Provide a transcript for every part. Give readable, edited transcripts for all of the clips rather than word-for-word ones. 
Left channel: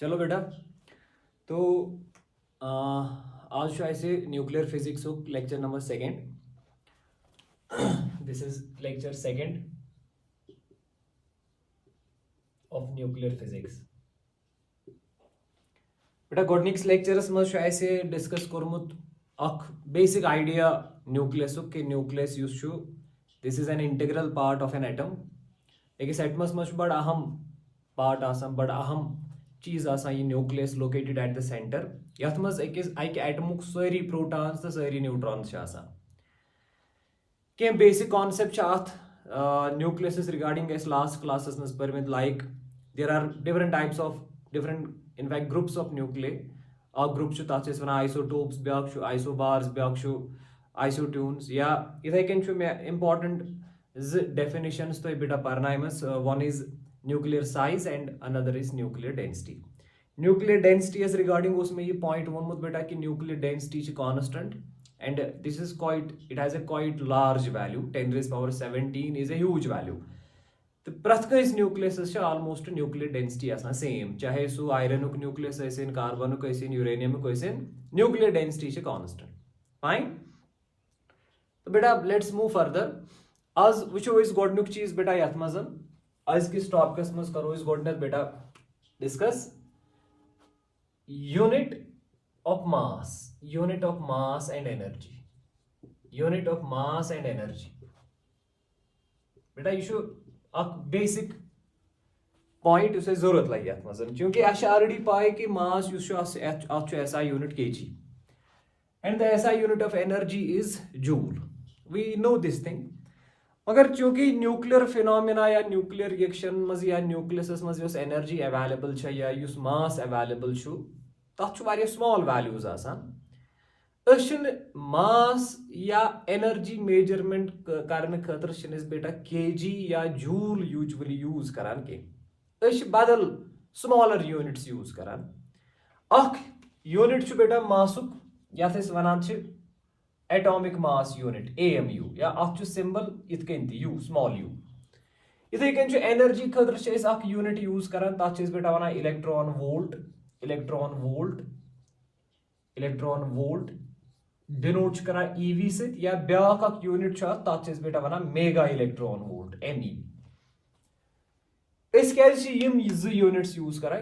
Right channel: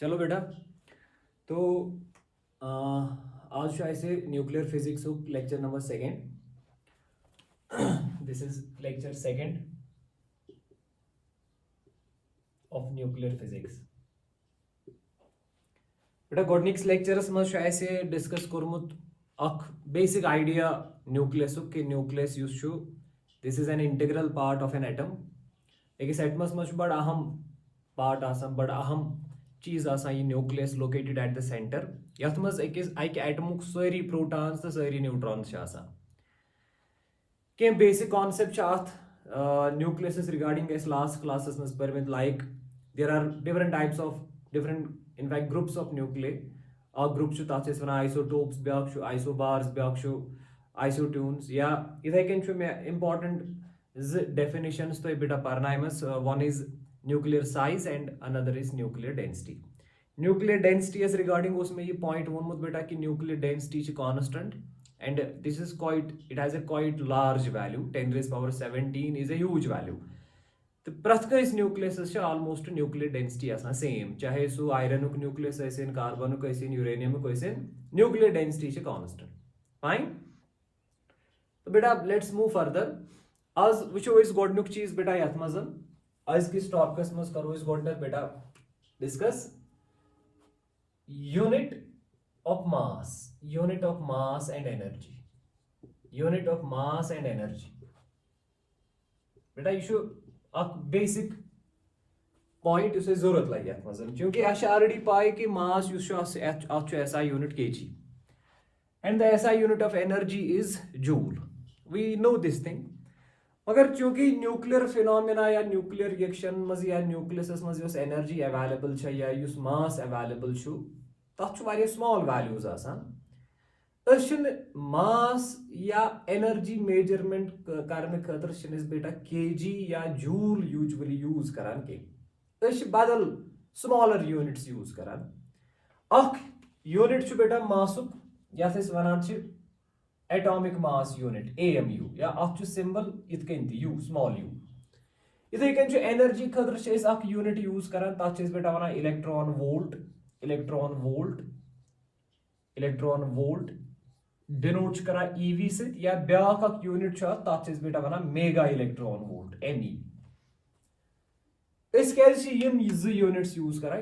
चलो बेटा, तो आज ऐसे nuclear physics lecture number second. This is lecture second of nuclear physics. बेटा गोडनिक्स लेक्चरस मज ऐसे डिस्कस कोर्मुत अख बेसिक आइडिया न्यूक्लियस कि न्यूक्लियस युस छु, this is an integral part of an atom. अकिस एटमस मज बड़ अहम पार्ट आसान, बड़ अहम चीज आसान ये nucleus located at the centre. यथ मज अकिस अकि एटमुक सारी प्रोटॉन्स तो सारी न्यूट्रॉन्स आसान. कह बेसिक कॉन्सेप्ट अथ न्यूक्लियस रिगार्डिंग लास्ट क्लासेस मज परमित, like there are different types of different in fact groups of nuclei. अख ग्रुप तथ वन आइसोटोप्स, ब्या आइसोबार्स, ब्या आइसोट्यून्स, या इथे कन मे इम्पॉर्टेंट डेफिनेशंस तो बेटा परनाइमस. One is nuclear size and another is nuclear density. Nuclear density regarding उसमें ये पॉइंट वोनमुत बेटा कि nuclear density constant and this is quite, it has a quite large value. 10 raised power 17 is a huge value. तो प्रथ कस nucleus almost nuclear density आसान same, चाहे so iron nucleus ऐसे, carbon ऐसे, यूरेनियम ऐसे, न्यूक्लियर डेंसिटी कांस्टेंट. फाइन. तो बेटा let's move further. आज वो गोडनुक चीज बेटा यथ मज आज किस टॉपिकस मज करो गोडनक बेटा discuss unit of mass and energy. Unit of mass and energy. बेटा यह अक बेसिक पॉइंट उसे जरूरत लगे अत मज, क्योंकि ऑलरेडी पाए कि मास SI unit kg and the SI unit of energy is joule. We know this thing. मगर चूंकि न्यूक्लियर फिनोमिना या न्यूक्लियर रिएक्शन मज या न्यूक्लियस मज एनर्जी अवेलेबल या मास अवेलेबल तथ स्मॉल वैल्यूज आसान. मास या एनर्जी मेजरमेंट करने खतर बेटा केजी या जूल यूजुअली यूज करान के बदल स्मॉलर यूनिट्स यूज करान. अख यूनिट बेटा मासुक यथ वनान एटॉमिक मास यूनिट AMU, या अथ सिंबल इत कन यू, स्मॉल यू. इथे कन एनर्जी खतर अख यूनिट यूज करान, तथ बेटा वनान electron volt. Electron volt denote करा EV सत, या ब्या यूनिट तथ बेटा one mega electron volt ME. Units use करा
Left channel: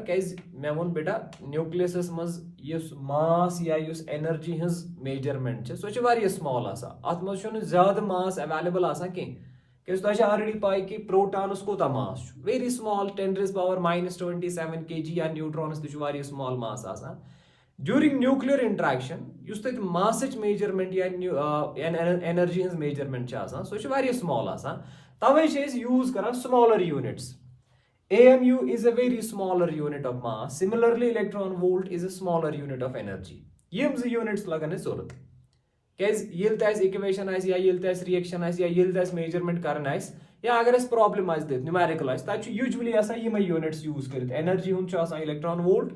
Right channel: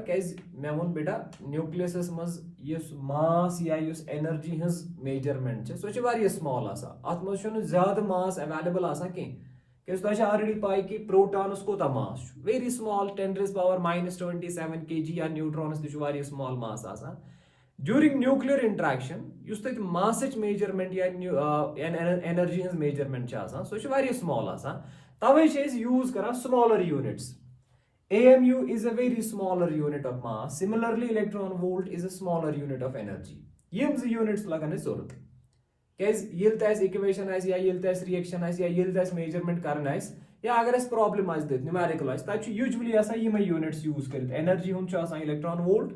मे वो बेटा न्यूक्लियस मज मास या एनर्जी हज मेजरमेंट सो स्मॉल अत मज ज्यादा मास अवेलेबल कह ऑलरेडी पाई कि प्रोटॉनस कोता mass vary small, 10 raised power -27 kg, या न्यूट्रॉनस तक स्मॉल मास आसान. ड्यूरिंग न्यूक्लियर इंटरेक्शन युस तक मासच मेजरमेंट या एनर्जी हज मेजरमेंट सो स्मॉल आसान. तवे यूज करा smaller units. AMU is a very smaller unit of mass. Similarly, electron volt is a smaller unit of energy. यम units लगन जरूरत क्या इक्वेशन या रिएक्शन या मेजरमेंट कर, या अगर प्रॉब्लम न्यूमेरिकल तक यूजुअली यम यूनिट्स यूज कर. एनर्जी हूँ इलेक्ट्रॉन वोल्ट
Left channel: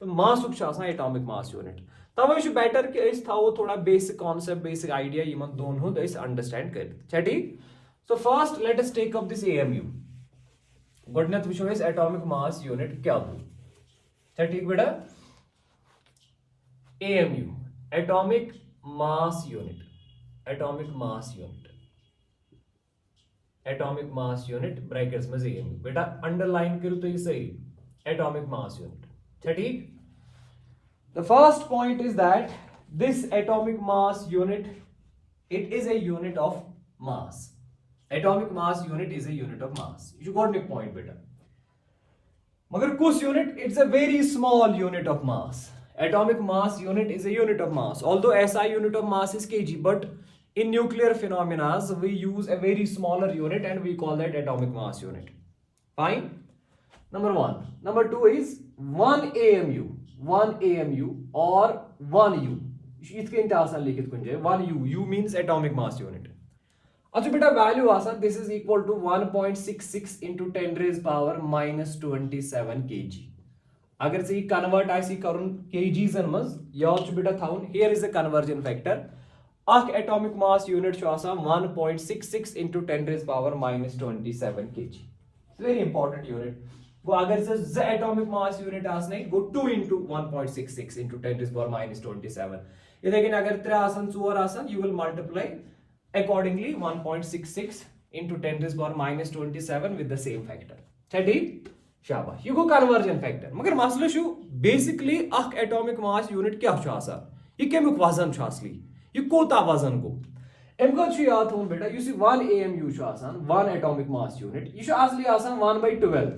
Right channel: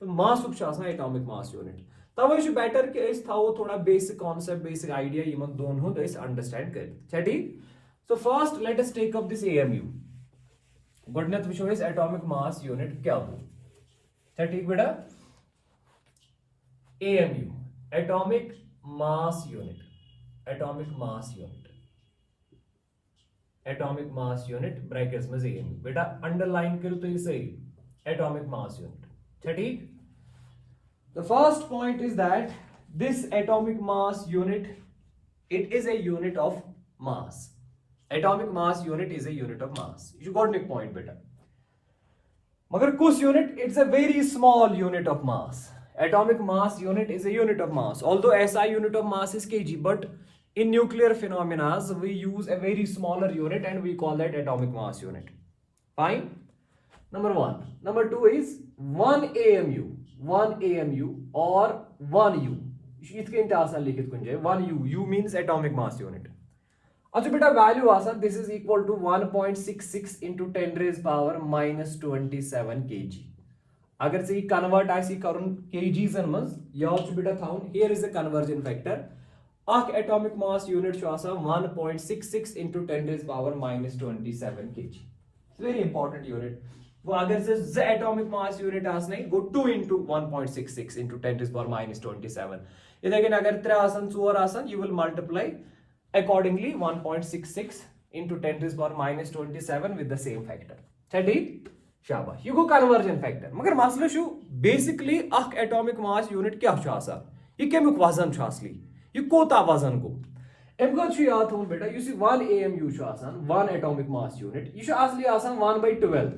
तो मासुक एटॉमिक मास यूनिट. तवे बेटर कि थो थोड़ा बेसिक कॉन्सेप्ट, बेसिक आइडिया इन दोन हुंद अंडरस्टैंड कर. ठीक. So first let us take up this AMU. गोडनेथ वो एटॉमिक मास यूनिट क्या हो. ठीक बेटा. AMU atomic mass unit, atomic mass unit, atomic mass unit brackets में AMU. बेटा अंडरलाइन करो तो ये सही एटॉमिक मास यूनिट. ठीक. The first point is that this atomic mass unit it is a unit of mass. Atomic mass unit is a unit of mass. You got the point बेटा. मगर कुछ unit it's a very small unit of mass. Atomic mass unit is a unit of mass. Although SI unit of mass is kg, but in nuclear phenomena we use a very smaller unit and we call that atomic mass unit. Fine. Number one. Number two is 1 AMU. 1 AMU or 1 U. इसके इंतजार लिखित कुंजे 1 U. U means atomic mass unit. अच्छा बेटा value आसान, this is equal to 1.66 into 10 raised power -27 kg. अगर से convert आसी करुन kgs मज याद बेटा थाउन, here is the conversion factor. अख atomic mass unit 1.66 into 10 raised power -27 kg. Very important unit. गो अगर से z एटॉमिक मास यूनिट आसने गो 2 into 1.66 into 10 to the power minus 27 इधर के अगर 3 आसन 4 आसन you will multiply accordingly 1.66 into 10 to the power minus 27 with the same factor ठीक शाबाश ये गो कन्वर्जन फैक्टर मगर मसला छु बेसिकली अख एटॉमिक मास यूनिट क्या छु आसान ये केमुक वजन छु असली ये कोता वजन गो एम को छु याद थोन बेटा यु सी 1 AMU छु आसान 1 एटॉमिक मास यूनिट ये छु असली आसान 1/12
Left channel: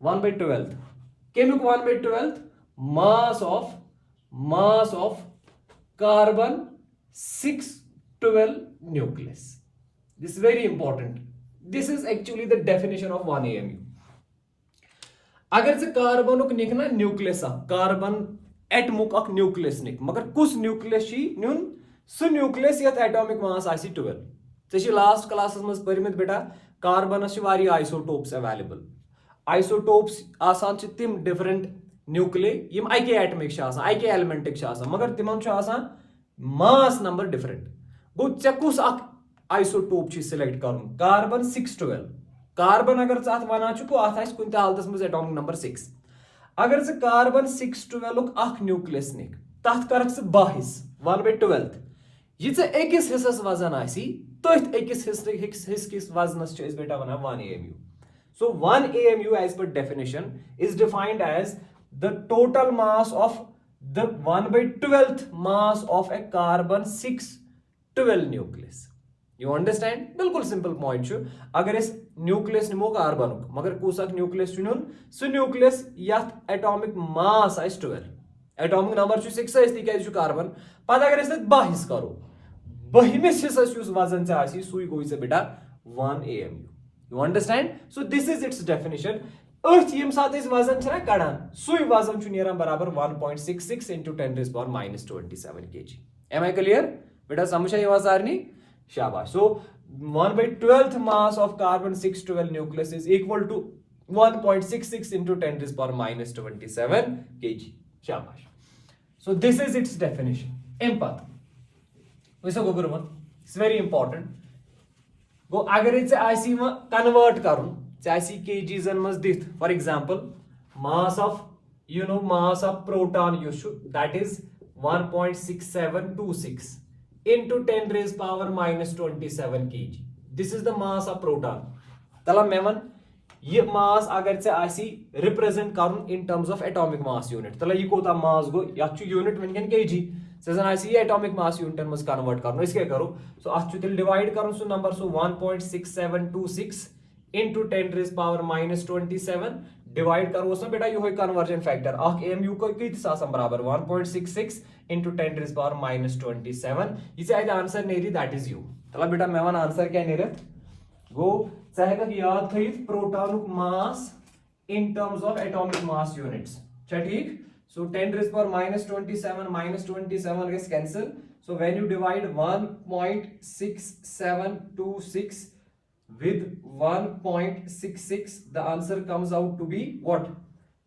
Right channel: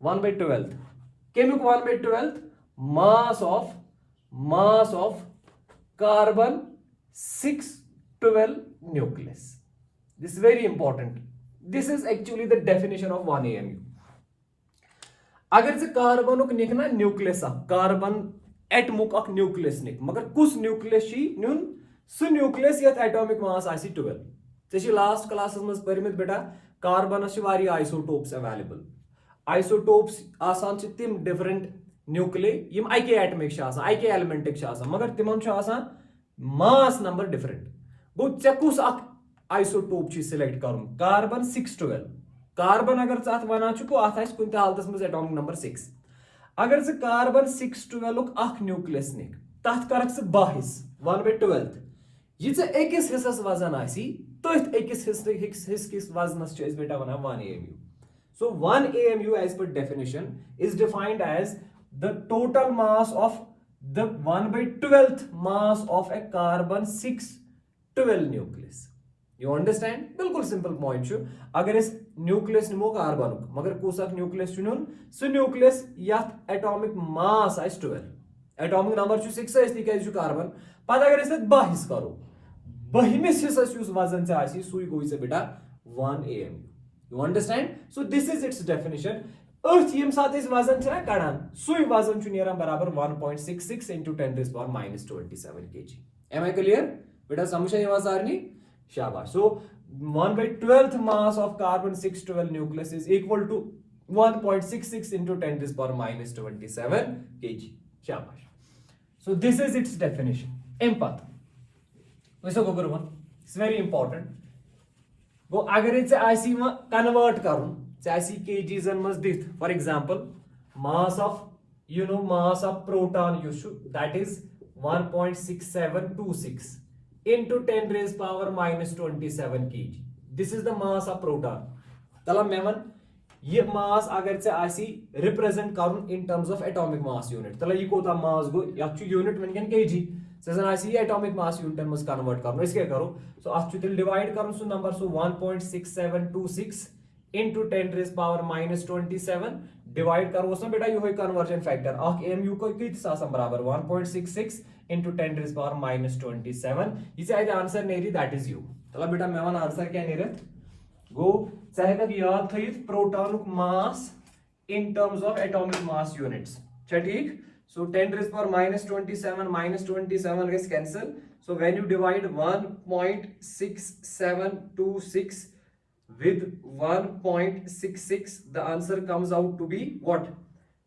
1/12 केमुक 1/12 mass of carbon 612 nucleus. This is very important. This is actually the definition of 1 AMU. अगर से कार्बन निकना न्यूक्लियस कार्बन एटमुक अक न्यूक्लियस निक मगर कुछ न्यूक्लियस नुन सह न्यूक्लियस यत एटॉमिक मास आसी 12 चे लास्ट क्लास मज परमित बेटा कार्बनस आइसोटोप्स अवेलेबल आइसोटोप्स आसान तिम डिफरेंट न्यूक्लिय यम अके एटमिक अके एलिमेंटिक मगर तिमन मास नंबर डिफरेंट गो ऐ कुस आइसोटोप सिलेक्ट कर कार्बन 612 कार्बन अगर अत वन अत कुन हालत मज एटॉमिक नंबर 6 अगर से कार्बन 612 अख न्यूक्लियस निक तथ कर 1/12 ये अकिस हिस्सस वजन आसी तथ अकिस हिस्स किस वजनस बेटा one 1 AMU. So 1 AMU as per definition is defined as the total mass of the 1/12th mass of a carbon 612 nucleus. You understand? बिल्कुल सिंपल पॉइंट छु अगर इस न्यूक्लियस निमो कार्बन मगर कुसक न्यूक्लियस चुनुन सु न्यूक्लियस यथ एटॉमिक मास आइस 12 atomic number छु 6 आइस ती छु कार्बन पद अगर इस 12 हिस्स करो 12मिस हिस्सस युस वजन से आसी सुई गोई से बेटा 1 AMU. You understand? So this is its definition. Earth यम साथ इस वजन छना कड़ान सुई वजन छु नेरान बराबर 1.66 into 10 to the power minus 27 kg. Am I clear? बेटा समझ आई आवाज आरनी शाबाश. So 1/12th mass of carbon 612 nucleus is equal to 1.66 into 10 to the power minus 27 kg. शाबाश. So this is its definition. Empath. वैसा गोबर वन. It's very important. गो अगर इसे IC में कन्वर्ट करूं चाहे केजीजन मज दिथ for example mass of proton यूज that is 1.6726 into 10 raised power minus 27 kg. This is the mass of proton. तला मेवन ये मास अगर से आसी रिप्रेजेंट करूं इन terms of atomic mass unit तला ये कोता मास गो या यूनिट वनकन kg सजन आसी ये एटॉमिक मास यूनिट मज कन्वर्ट करनो इसके करो सो अच तिल डिवाइड करूं so number so 1.6726 into 10 raised power minus 27 divide करो उसमें बेटा ये होय कन्वर्जन फैक्टर अख AMU को कित आसम बराबर 1.66 into 10 raised power minus 27 इसे आइद आंसर नेरी दैट इज यू तला बेटा मेवन आंसर क्या नेरे गो चाहेगा कि याद थईत proton mass in terms of atomic mass units ठीक. So 10 raised power minus 27 gets cancelled. So when you divide 1.6726 with 1.66, the answer comes out to be what?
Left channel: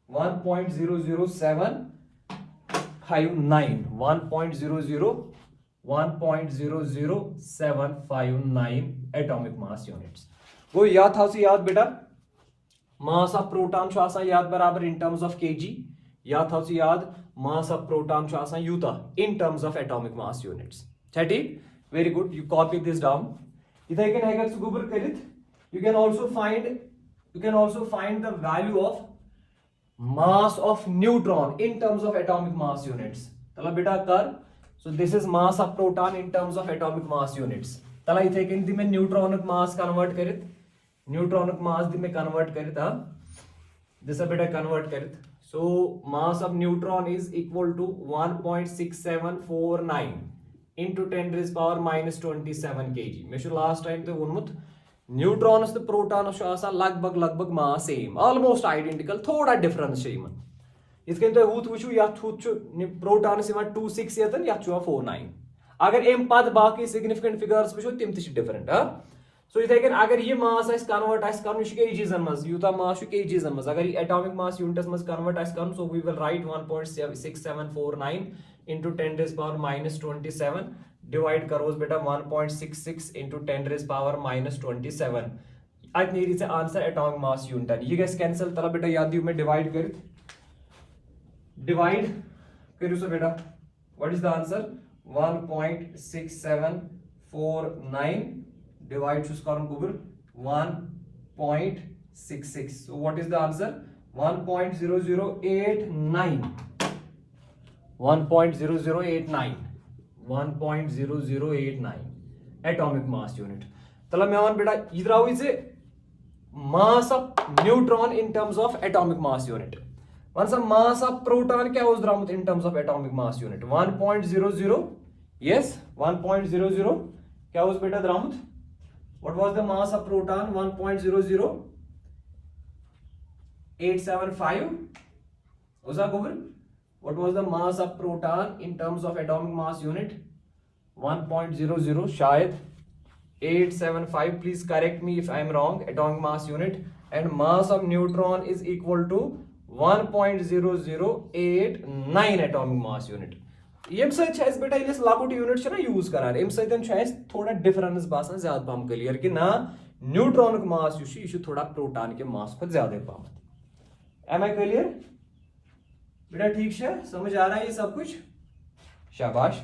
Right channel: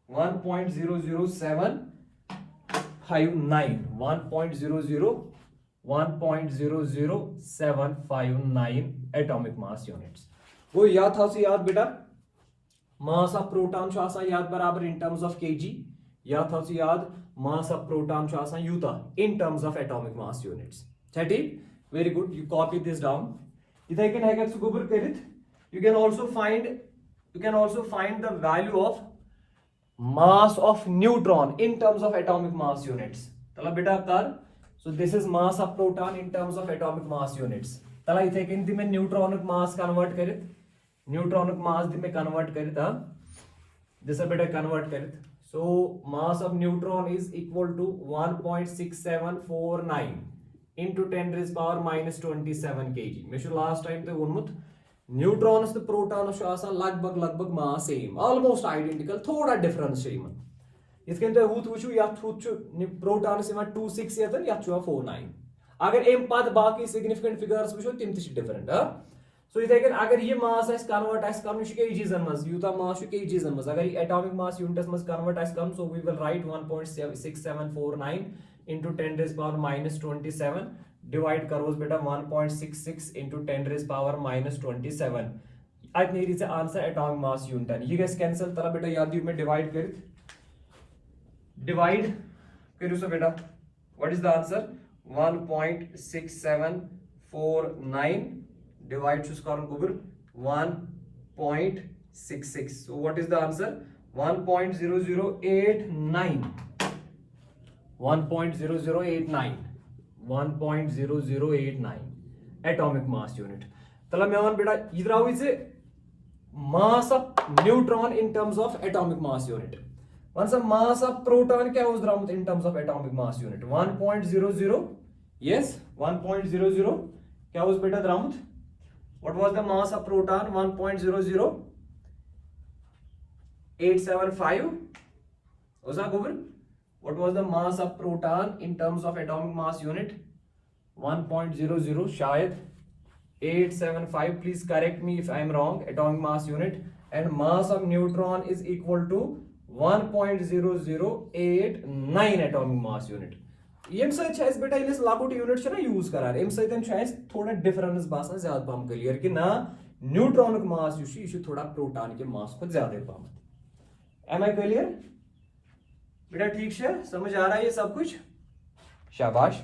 1.00759. 1.00759 atomic mass units. वो याद था याद बेटा mass of proton शो आसा याद बराबर in terms of kg याद था याद मास ऑफ प्रोटॉन छु आसान यूता in terms of atomic mass units ठीक very good you copy this down इथे कैन हेगर सु गुबर करित you can also find the value of mass of neutron in terms of atomic mass units तला बेटा कर so this is mass of proton in terms of atomic mass units तला इथे कैन दि में न्यूट्रॉनिक मास कन्वर्ट करित न्यूट्रॉनिक मास दि में कन्वर्ट करित दिस बेटा कन्वर्ट करित. So mass of neutron is equal to 1.6749 into 10 raised power minus 27 kg. मैं last time तो वोनमुत न्यूट्रॉन्स तो प्रोटॉन्स शो आसा लगभग मास सेम ऑलमोस्ट आइडेंटिकल थोड़ा डिफरेंस छे यमन इसके तो हुत वुचु या हुत छु प्रोटॉन्स यमन 26 यतन या छु 49 अगर एम पद बाकी सिग्निफिकेंट फिगर्स वुचु तिम तिश डिफरेंट सो इथे कैन अगर ये मास आइस कन्वर्ट आइस करन छु केजीजन मज यूता मास छु केजीजन मज अगर ये एटॉमिक मास यूनिट्स मज कन्वर्ट आइस करन so we will write 1.6749 into 10 raised power minus 27 divide करोस बेटा 1.66 into 10 raised power minus 27 at near answer atomic mass unit. You guys cancel tala beta yaad diyo mein divide karit. Divide करो सो बेटा. What is the answer? 1.6749 divide to square over 1.66. So what is the answer? 1.0089. 1.0089. 1.0089 atomic mass unit. तला मैं one बेटा इधर आओ इसे mass of neutron in terms of atomic mass unit. Once a mass of proton क्या was drawn in terms of atomic mass unit? 1.00. Yes, 1.00. क्या was बेटा drawn? What was the mass of proton? 1.00875. Was that over? What was the mass of proton in terms of atomic mass unit? 1.00 शायद 875. Please correct me if I am wrong. Atomic mass unit. And mass of neutron is equal to 1.0089 atomic mass unit. ये सच बेटा इस लाकुट unit से ना use करार M सहित थोड़ा difference बासान ज्यादा पम क्लियर कि ना न्यूट्रॉन का मास यह थोड़ा प्रोटॉन के मास को ज्यादा पम. एम आई क्लियर बेटा? ठीक है, समझ आ रहा है ये सब कुछ? शाबाश.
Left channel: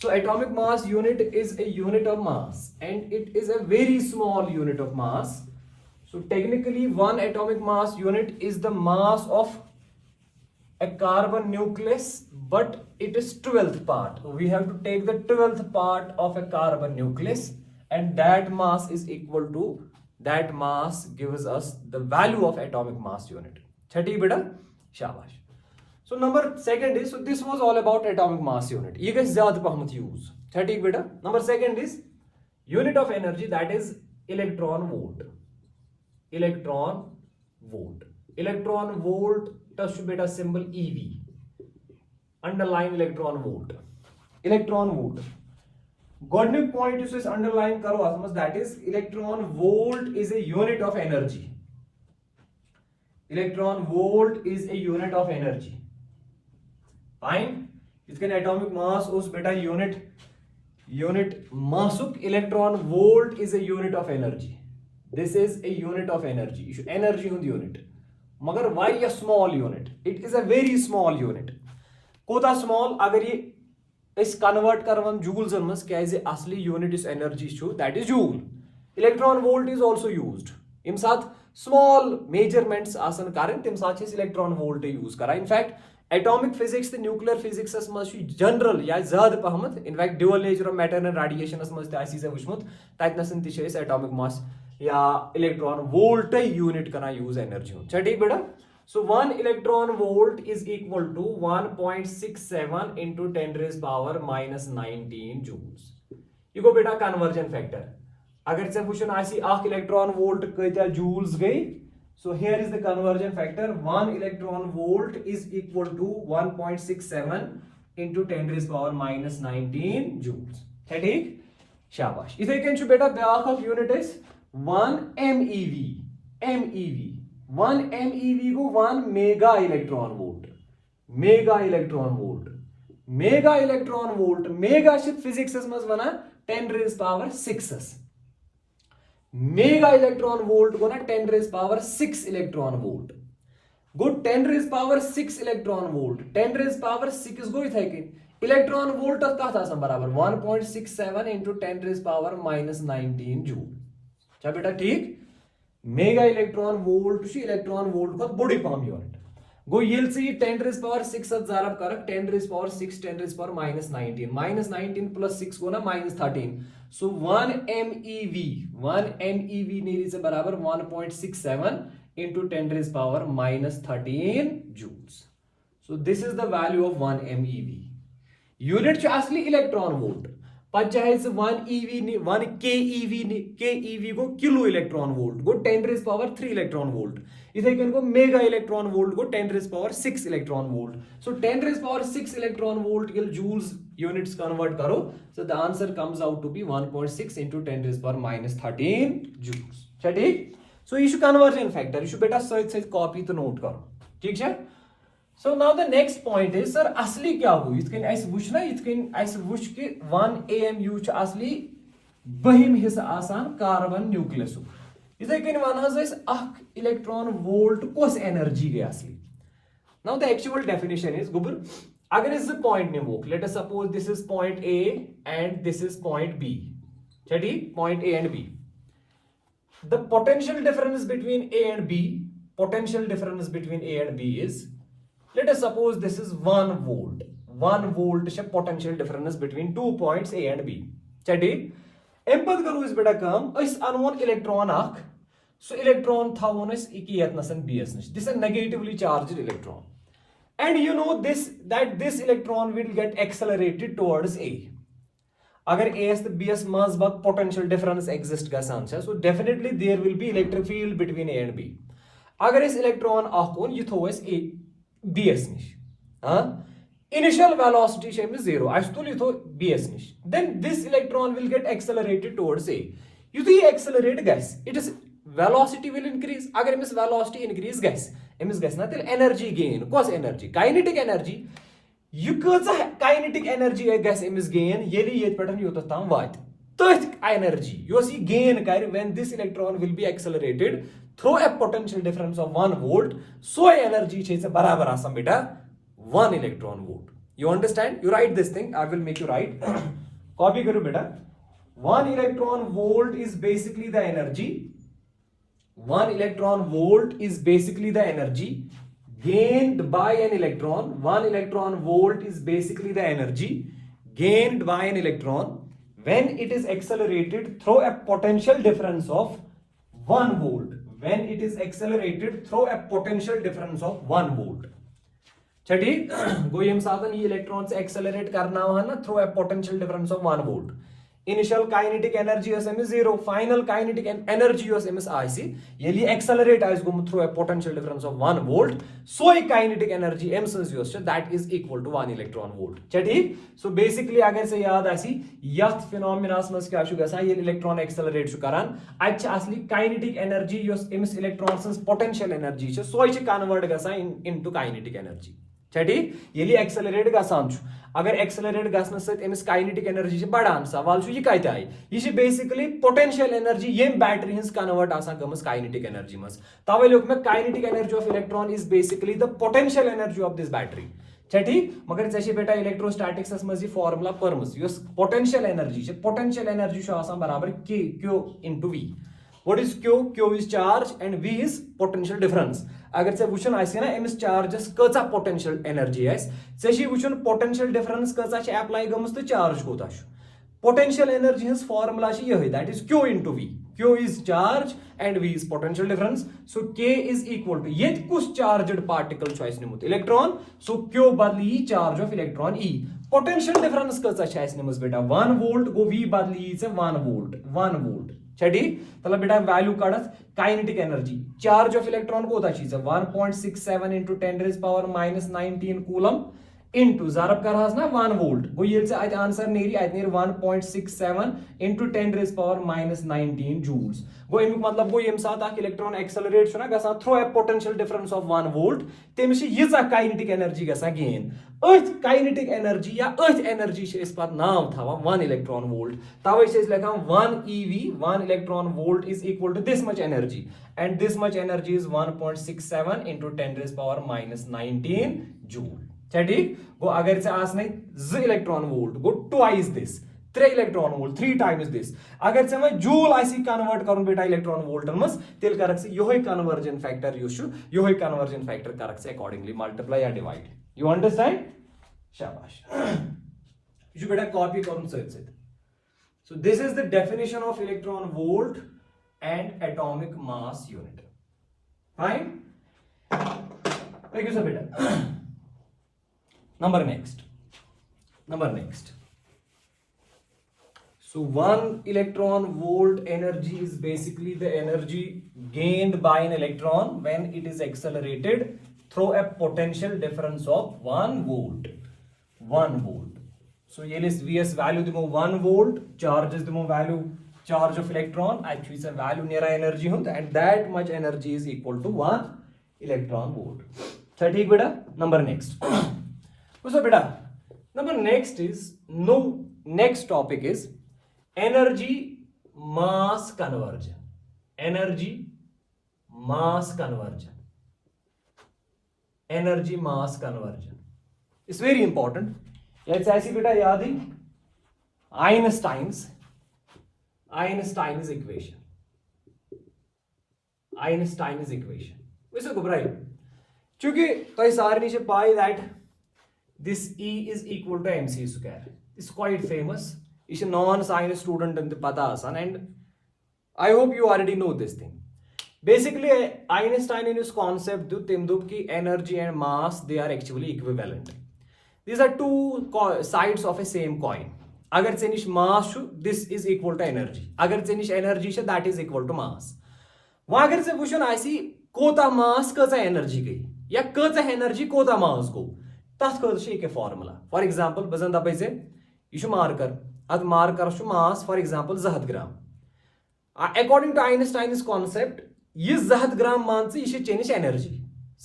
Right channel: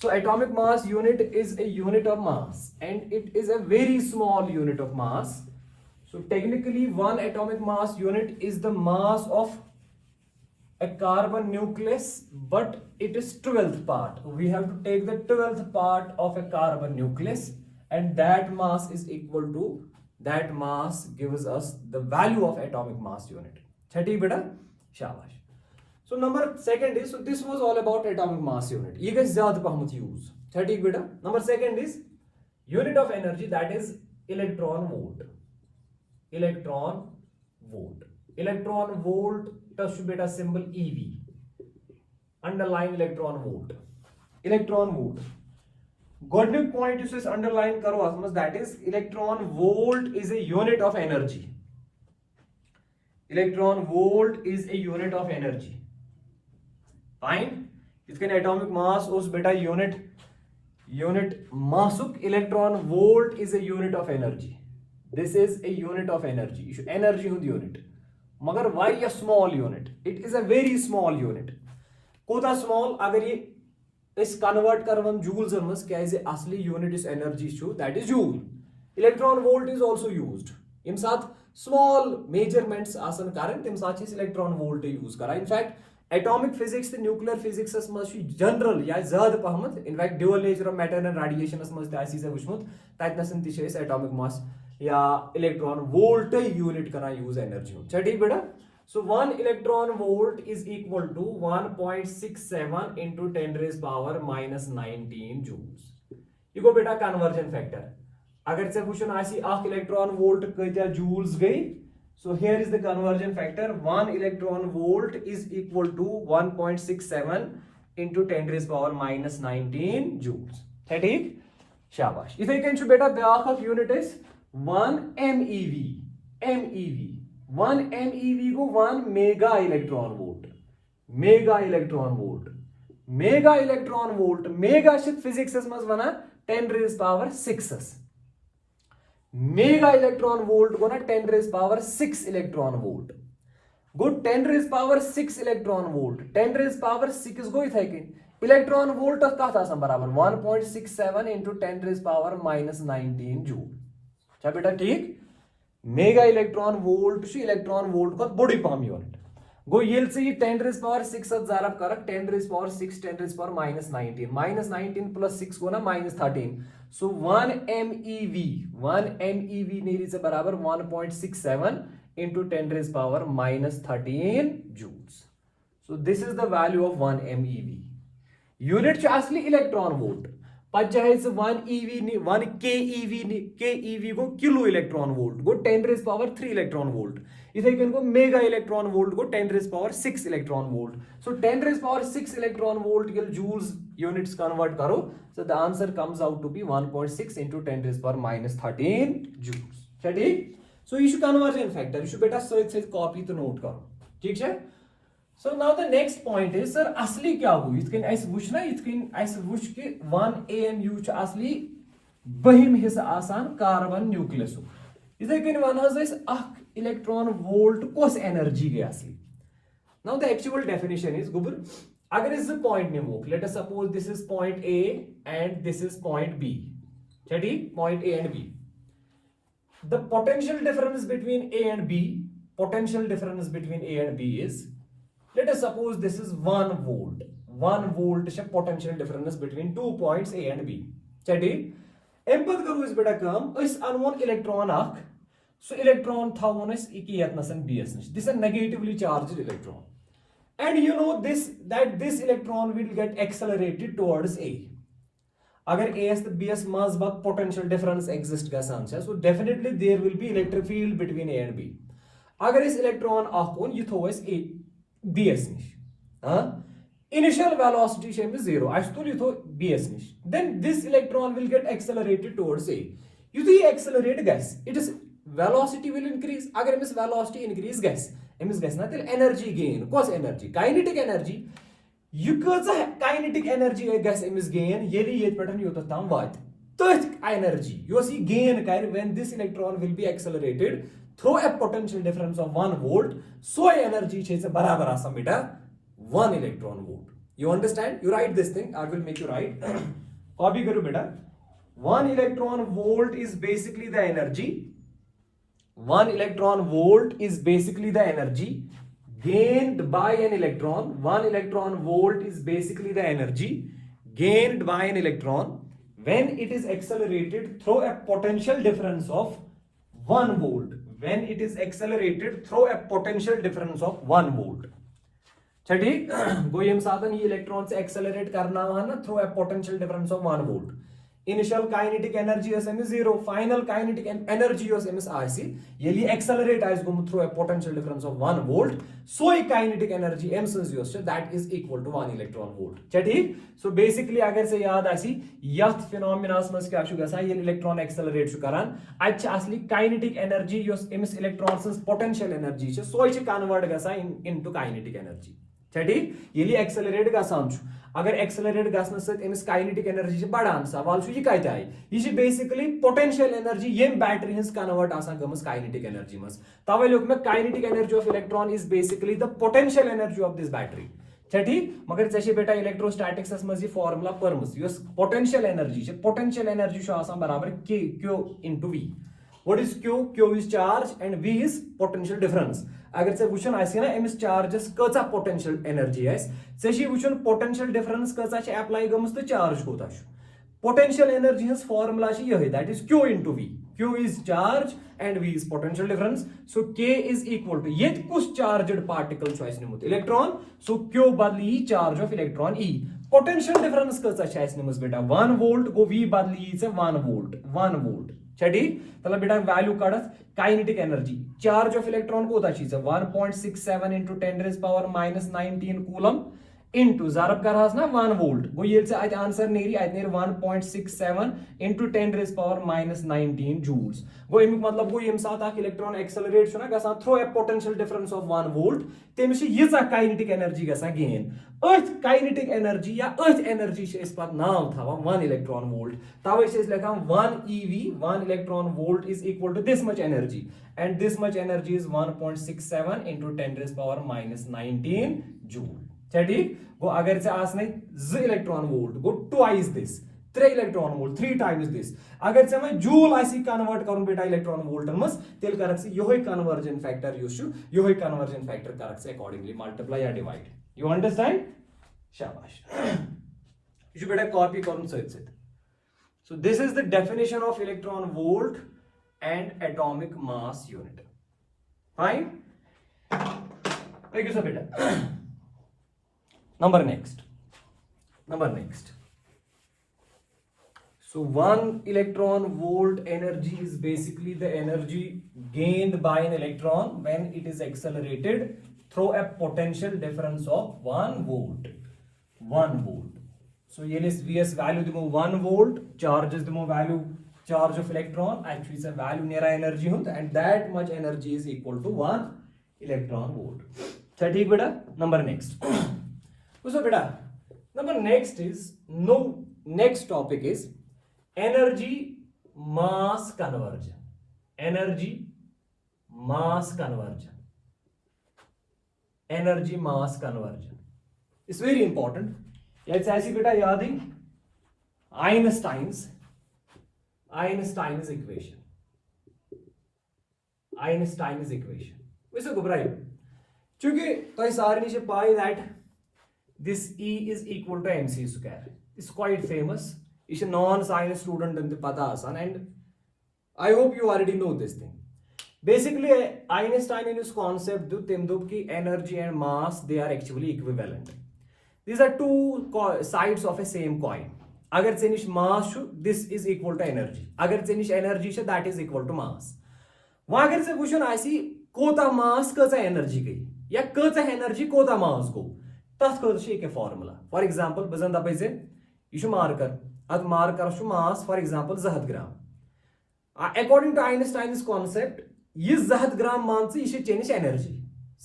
So atomic mass unit is a unit of mass and it is a very small unit of mass. So technically one atomic mass unit is the mass of a carbon nucleus, but it is 12th part. We have to take the 12th part of a carbon nucleus and that mass is equal to, that mass gives us the value of atomic mass unit. Chhati beta? Shabash. So number second is, so this was all about atomic mass unit. You guys zyada pahmat use. Chhati beta? Number second is unit of energy, that is electron volt. Electron volt. Electron volt touch beta symbol EV. Underline electron volt. Electron volt. Godnik point is underline karo asmas, that is electron volt is a unit of energy. Electron volt is a unit of energy. Fine. इसके atomic mass उस बेटा unit massuk electron volt is a unit of energy. This is a unit of energy. Energy hund unit. मगर why a small unit? It is a very small unit. कोता small अगर ये इस convert करवन joules मस क्या इसे असली unit इस energy show, that is joule. Electron volt is also used. इम साथ small measurements आसन कारण तिम साथ इस electron volt use करा. In fact atomic physics the nuclear physics as much general या ज़्यादा पहमत. In fact dual nature of matter and radiation as much तासी से वुश्मुत ताइट नसन तिशे इस atomic mass या electron volt unit करना use energy हो. चल ठीक बेटा? So 1 electron volt is equal to 1.67 into 10 raised power minus 19 joules. ये को बेटा conversion factor. अगर से क्वेश्चन आसी आख electron volt कितना joules गई? So here is the conversion factor. 1 electron volt is equal to 1.67 into 10 raised power minus 19 joules. ठीक? शाबाश. इधर कैन शो बेटा ब्याख of unit is 1 MeV. MeV 1 MeV को 1 mega electron volt. Mega electron volt. Mega electron volt. Mega शिप physics मज वना 10 raised power 6. Mega electron volt को ना 10 raised power 6 इलेक्ट्रॉन वोल्ट गो 10 raised power 6 electron volt 10 raised power 6 गो इथे कि इलेक्ट्रॉन वोल्ट कत आसन बराबर 1.67 into 10 raised power minus 19 joule. अच्छा बेटा ठीक. मेगा इलेक्ट्रॉन वोल्ट छु इलेक्ट्रॉन वोल्ट को बड़ी पम यूनिट गो येल से 10 raised power 6 ज़ारब करक 10 raised power 6 10 raised power minus 19 plus 6 को ना minus 13. So 1 MeV नीरी से बराबर 1.67 into 10 raised power minus 13 joules. So this is the value of 1 MeV. Unit छु असली इलेक्ट्रॉन वोल्ट. पर चाहे से 1 KeV को किलो इलेक्ट्रॉन वोल्ट को 10 raised power 3 इलेक्ट्रॉन वोल्ट. इथे कन को मेगा इलेक्ट्रॉन वोल्ट को 10 raised power 6 electron volt. So 10 raised power 6 electron volt के joules units convert करो. So the answer comes out to be 1.6 into 10 raised power minus 13 joules. ठीक? So you should conversion factor. You should बेटा सही copy तो note करो. ठीक है? So now the next point is sir असली क्या हो? इतकन ऐसे वुच ना इतकन ऐसे वुच के 1 AMU च असली बहिम हिस्सा आसान कार्बन न्यूक्लियस. इधर कन वन इलेक्ट्रॉन वोल्ट कस एनर्जी गई असली. Now the actual definition is गुबर अगर इस point निमोक, let us suppose this is point A and this is point B. ठीक, point A and B. The potential difference between A and B, potential difference between A and B is, let us suppose this is 1 volt. 1 volt is potential difference between 2 points A and B. ठीक, M पद करू इस बेटा काम इस अनवन electron अख सो electron थावन इस इकियत नसन BS नश. This is a negatively charged electron. And you know this that this electron will get accelerated towards A. अगर A to B S mass bug potential difference exist गसान छे, so definitely there will be electric field between A and B. अगर इस electron Akhoon ये थो इस A B S निश, हाँ, initial velocity छे में 0, आज तो ये थो B S निश. Then this electron will get accelerated towards A. You see accelerate guys, it is velocity will increase. अगर इस velocity increase guys, इस guys ना तेल energy gain, कौस energy, kinetic energy. You kinetic energy emis gain yeli yet pattern yotas tam vat tøth energy you see gain kar when this electron will be accelerated through a potential difference of 1 volt, so energy chhe se barabar asam beta 1 electron volt. You understand? You write this thing, I will make you write. Copy karo beta. 1 electron volt is basically the energy. 1 electron volt is basically the energy gained by an electron. 1 electron volt is basically the energy gained by an electron when it is accelerated through a potential difference of 1 volt. When it is accelerated through a potential difference of 1 volt. ठीक, गो यम साधन ये electron से accelerate करना हुआ ना through a potential difference of 1 volt. Initial kinetic energy is 0, final kinetic energy is IC. Yeli accelerate as go through a potential difference of 1 volt. So kinetic energy M that is equal to 1 electron volt. ठीक? So basically अगर से याद ऐसी यथ phenomena में क्या शु गसा ये इलेक्ट्रॉन एक्सेलरेट शु करन अच्छा असली kinetic energy योस एमस इलेक्ट्रॉन potential energy छ सो इच कन्वर्ट गसा into kinetic energy. ठीक, यली एक्सेलरेट गसान छु अगर एक्सेलरेट गसन सत एमस काइनेटिक एनर्जी छ बढ़ान सवाल छु ये कत आय ये छ बेसिकली पोटेंशियल एनर्जी येम बैटरी हंस कन्वर्ट आसान गमस काइनेटिक एनर्जी मस तवे लोक में kinetic energy of electron is basically the potential energy of this battery. ठीक, मगर चे बेटा इलेक्ट्रोस्टैटिक्स मज फॉर्मुला परमस योस पोटेंशियल एनर्जी छ पोटेंशियल एनर्जी छ आसान बराबर k q into v. What is q? Q is charge and v is potential difference. अगर से वुचन आसी ना एमस चार्जेस कचा पोटेंशियल एनर्जी आस से छी वुचन पोटेंशियल डिफरेंस कचा छ अप्लाई गमस तो चार्ज कोता छ. पोटेंशियल एनर्जी हस फार्मूला छ यही that is q into v. q is charge and v is potential difference. So k is equal to ये कुछ चार्जड पार्टिकल छ आस निमुत इलेक्ट्रॉन. So q बदली charge of electron e. Potential difference कचा छ आस निमुस बेटा 1 volt गो v बदली से 1 volt 1 volt. ठीक, तला बेटा वैल्यू काढत kinetic energy charge of electron कोता चीज 1.67 into 10 raised power minus 19 coulomb into zarab कर हस ना 1 वोल्ट गो ये से आज आंसर नेरी आज नेर 1.67 into 10 raised power minus 19 joules गो एमिक मतलब गो यम साथ आक इलेक्ट्रॉन एक्सेलरेट छना गसा through a potential difference of 1 volt तेम से यजा काइनेटिक एनर्जी गसा गेन अथ काइनेटिक एनर्जी या अथ एनर्जी से इस पर नाम था 1 इलेक्ट्रॉन वोल्ट तवे से लिखा 1 ev 1 electron volt is equal to this much energy and this much energy is 1.67 into 10 raised power minus 19 joule. ठीक, गो अगर से आसने z electron volt go twice this 3 electron volt 3 times this अगर से मैं जूल आसी कन्वर्ट करूं बेटा इलेक्ट्रॉन वोल्ट मस तेल करक से योही कन्वर्जन फैक्टर यूशु योही कन्वर्जन फैक्टर करक से अकॉर्डिंगली मल्टीप्लाई या डिवाइड. You understand? शाबाश. यू बेटा कॉपी करूं सत. So this is the definition of electron volt and atomic mass unit. Fine? Thank you sir beta. Number next. So 1 electron volt energy is basically the energy gained by an electron when it is accelerated through a potential difference of 1 volt. 1 volt. So ये list vs value दिमो 1 volt, charges दिमो value charge of electron, actually it's a value near energy होता and that much energy is equal to 1 electron volt. So ठीक बेटा, number next. So बेटा, number next topic is energy mass conversion. energy mass conversion. Energy mass conversion. It's very important. Let's ऐसी बेटा याद ही Einstein's equation. Einstein's equation. वैसे घबराइए क्योंकि तो इस सारे नीचे पाई that this E is equal to mc square. It's quite famous. It's a non-science student and pata asan, and I hope you already know this thing. Basically, Einstein in his concept do temdub ki energy and mass they are actually equivalent. These are two sides of a same coin. Agar chenish mass shu, this is equal to energy. Agar chenish energy shu, that is equal to mass. वहां अगर से वुचन आसी कोता मास कचा energy गई या कचा energy कोता मास गो तथ खतर एक फॉर्मुला फॉर एग्जांपल बजन दपे से यह मार्कर अद marker mass for example 200 gram according to Einstein's concept यह 200 ग्राम मान यह चेनिश एनर्जी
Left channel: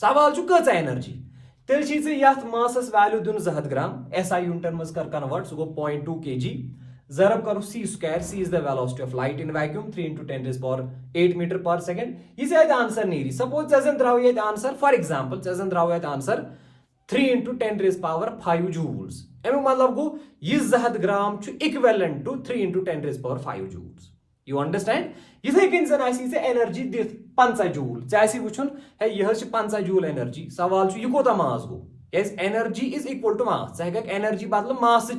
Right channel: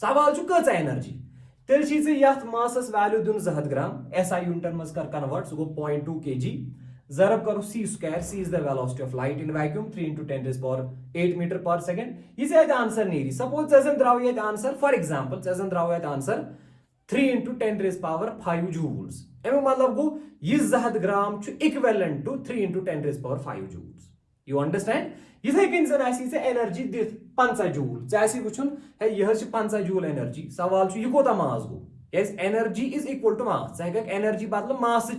सवाल कचा एनर्जी तेल यथ मासस वैल्यू दिन 200 ग्राम SI यूनिटन मज कर कन्वर्ट सह गो 0.2 kg जरब करो c square. C is the velocity of light in vacuum 3 into 10 raised power 8 meter per second. This is the answer near. Suppose doesn't draw the answer. For example, doesn't draw the answer 3 into 10 raised power 5 joules. M मतलब गो यह 200 ग्राम equivalent to 3 into 10 raised power 5 joules. You understand? इथे कन जन आसी से energy दिथ 50 joule चाहे वुचन है यह 50 जूल एनर्जी सवाल यह कोता मास गो कैस energy is equal to mass चाहे एनर्जी बदल मास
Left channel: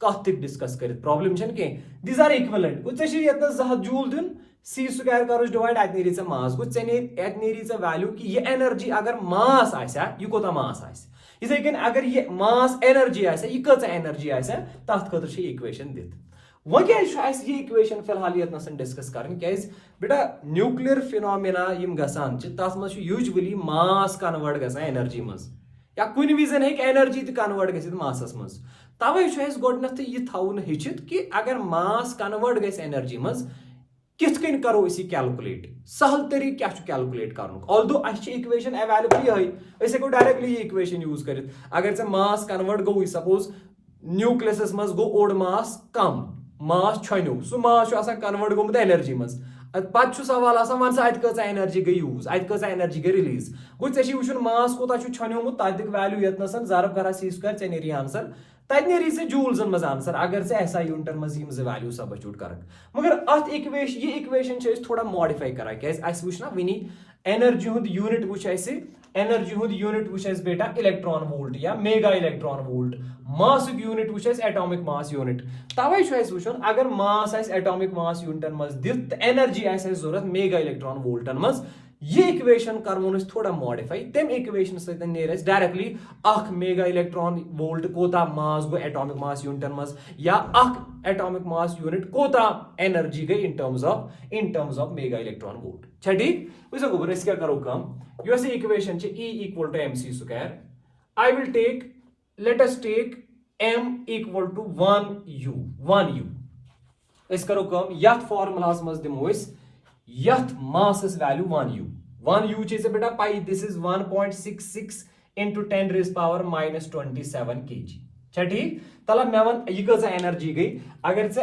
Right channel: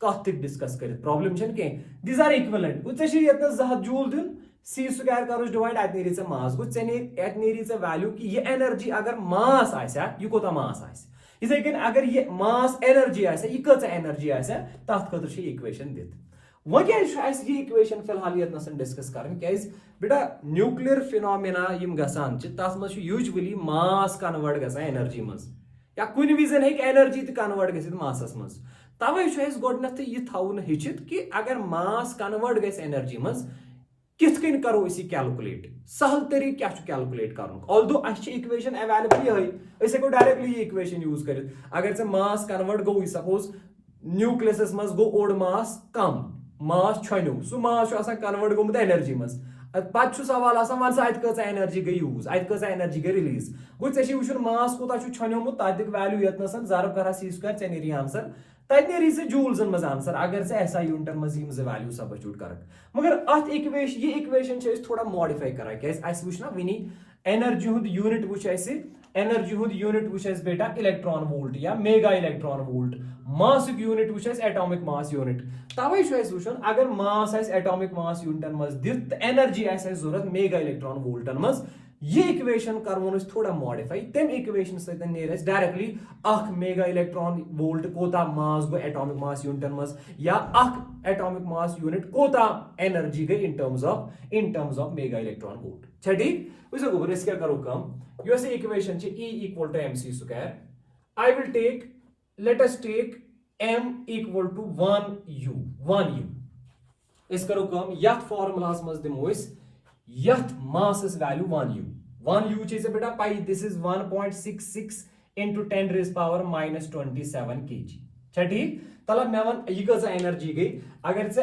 कत डिस्कस कर प्रॉब्लम कह दीज आर इक्वलेंट गो ये 200 जूल दिन c स्क्वायर करो डिवाइड अत नी मास गो अत नी वैल्यू कि यह एनर्जी अगर मास आसा यह कोता मास आसा इथे कन अगर यह मास एनर्जी आसा यह कच एनर्जी आसा तथ खतर इक्वेशन दित वह क्या यह इक्वेशन फिलहाल ये डिस्कस कर बेटा न्यूक्लियर फिनोमिना गसान तथ मज यूजुअली मास कन्वर्ट गसान एनर्जी मज या कुन विजन हे एनर्जी कन्वर्ट गसित मासस मज तवे गोडनथ यह थवन हेचित कि अगर मास कन्वर्ट गस एनर्जी मज किथ कन करो इसी कैलकुलेट सहल तरीक क्या कैलकुलेट कर ऑल्दो इक्वेशन अवेलेबल ये हेको डायरेक्टली ये इक्वेशन यूज कर अगर से मास कन्वर्ट गो सपोज न्यूक्लियस मज गो ओड मास कम मास छो सह मास कन्वर्ट गोमुत एनर्जी मज पे सवाल वन सा अत एनर्जी गई यूज अत एनर्जी गई रिलीज गो वुचन मास कोता छनोमुत तक वैल्यू यतनस जरब कर c स्क्वायर ऐ नी आंसर तत नी जूल्सन मज आंसर अगर से SI यूनिटन मज वैल्यू सबस्टिट्यूट कर मगर अत इक्वेशन ये इक्वेशन थोड़ा मॉडिफाई कर वुच ना वनी एनर्जी हुंद यूनिट वुच एनर्जी हुंद यूनिट वुच बेटा इलेक्ट्रॉन वोल्ट या mega electron volt mass unit वुच एटॉमिक मास यूनिट तवे वुचन अगर मास एटॉमिक मास यूनिटन मज दित एनर्जी जरूरत मेगा इलेक्ट्रॉन वोल्टन मज ये इक्वेशन करवन थोड़ा मॉडिफाई तम इक्वेशन सर डायरेक्टली अख मेगा इलेक्ट्रॉन वोल्ट कोता मास गो एटॉमिक मास यूनिटन मज या अख एटॉमिक मास यूनिट कोता एनर्जी गई इन terms of mega electron volt छा ठीक वैसे गोबर क्या करो कम यह equation E equal to mc square. I will take let us take m equal to 1u इस करो कम यथ फॉर्मूलास मज दिमो यथ मासस वैल्यू 1u से बेटा पाई this is 1.66 into 10 raised power minus 27 kg छा ठीक तलब मे वन यह कज एनर्जी गई अगर से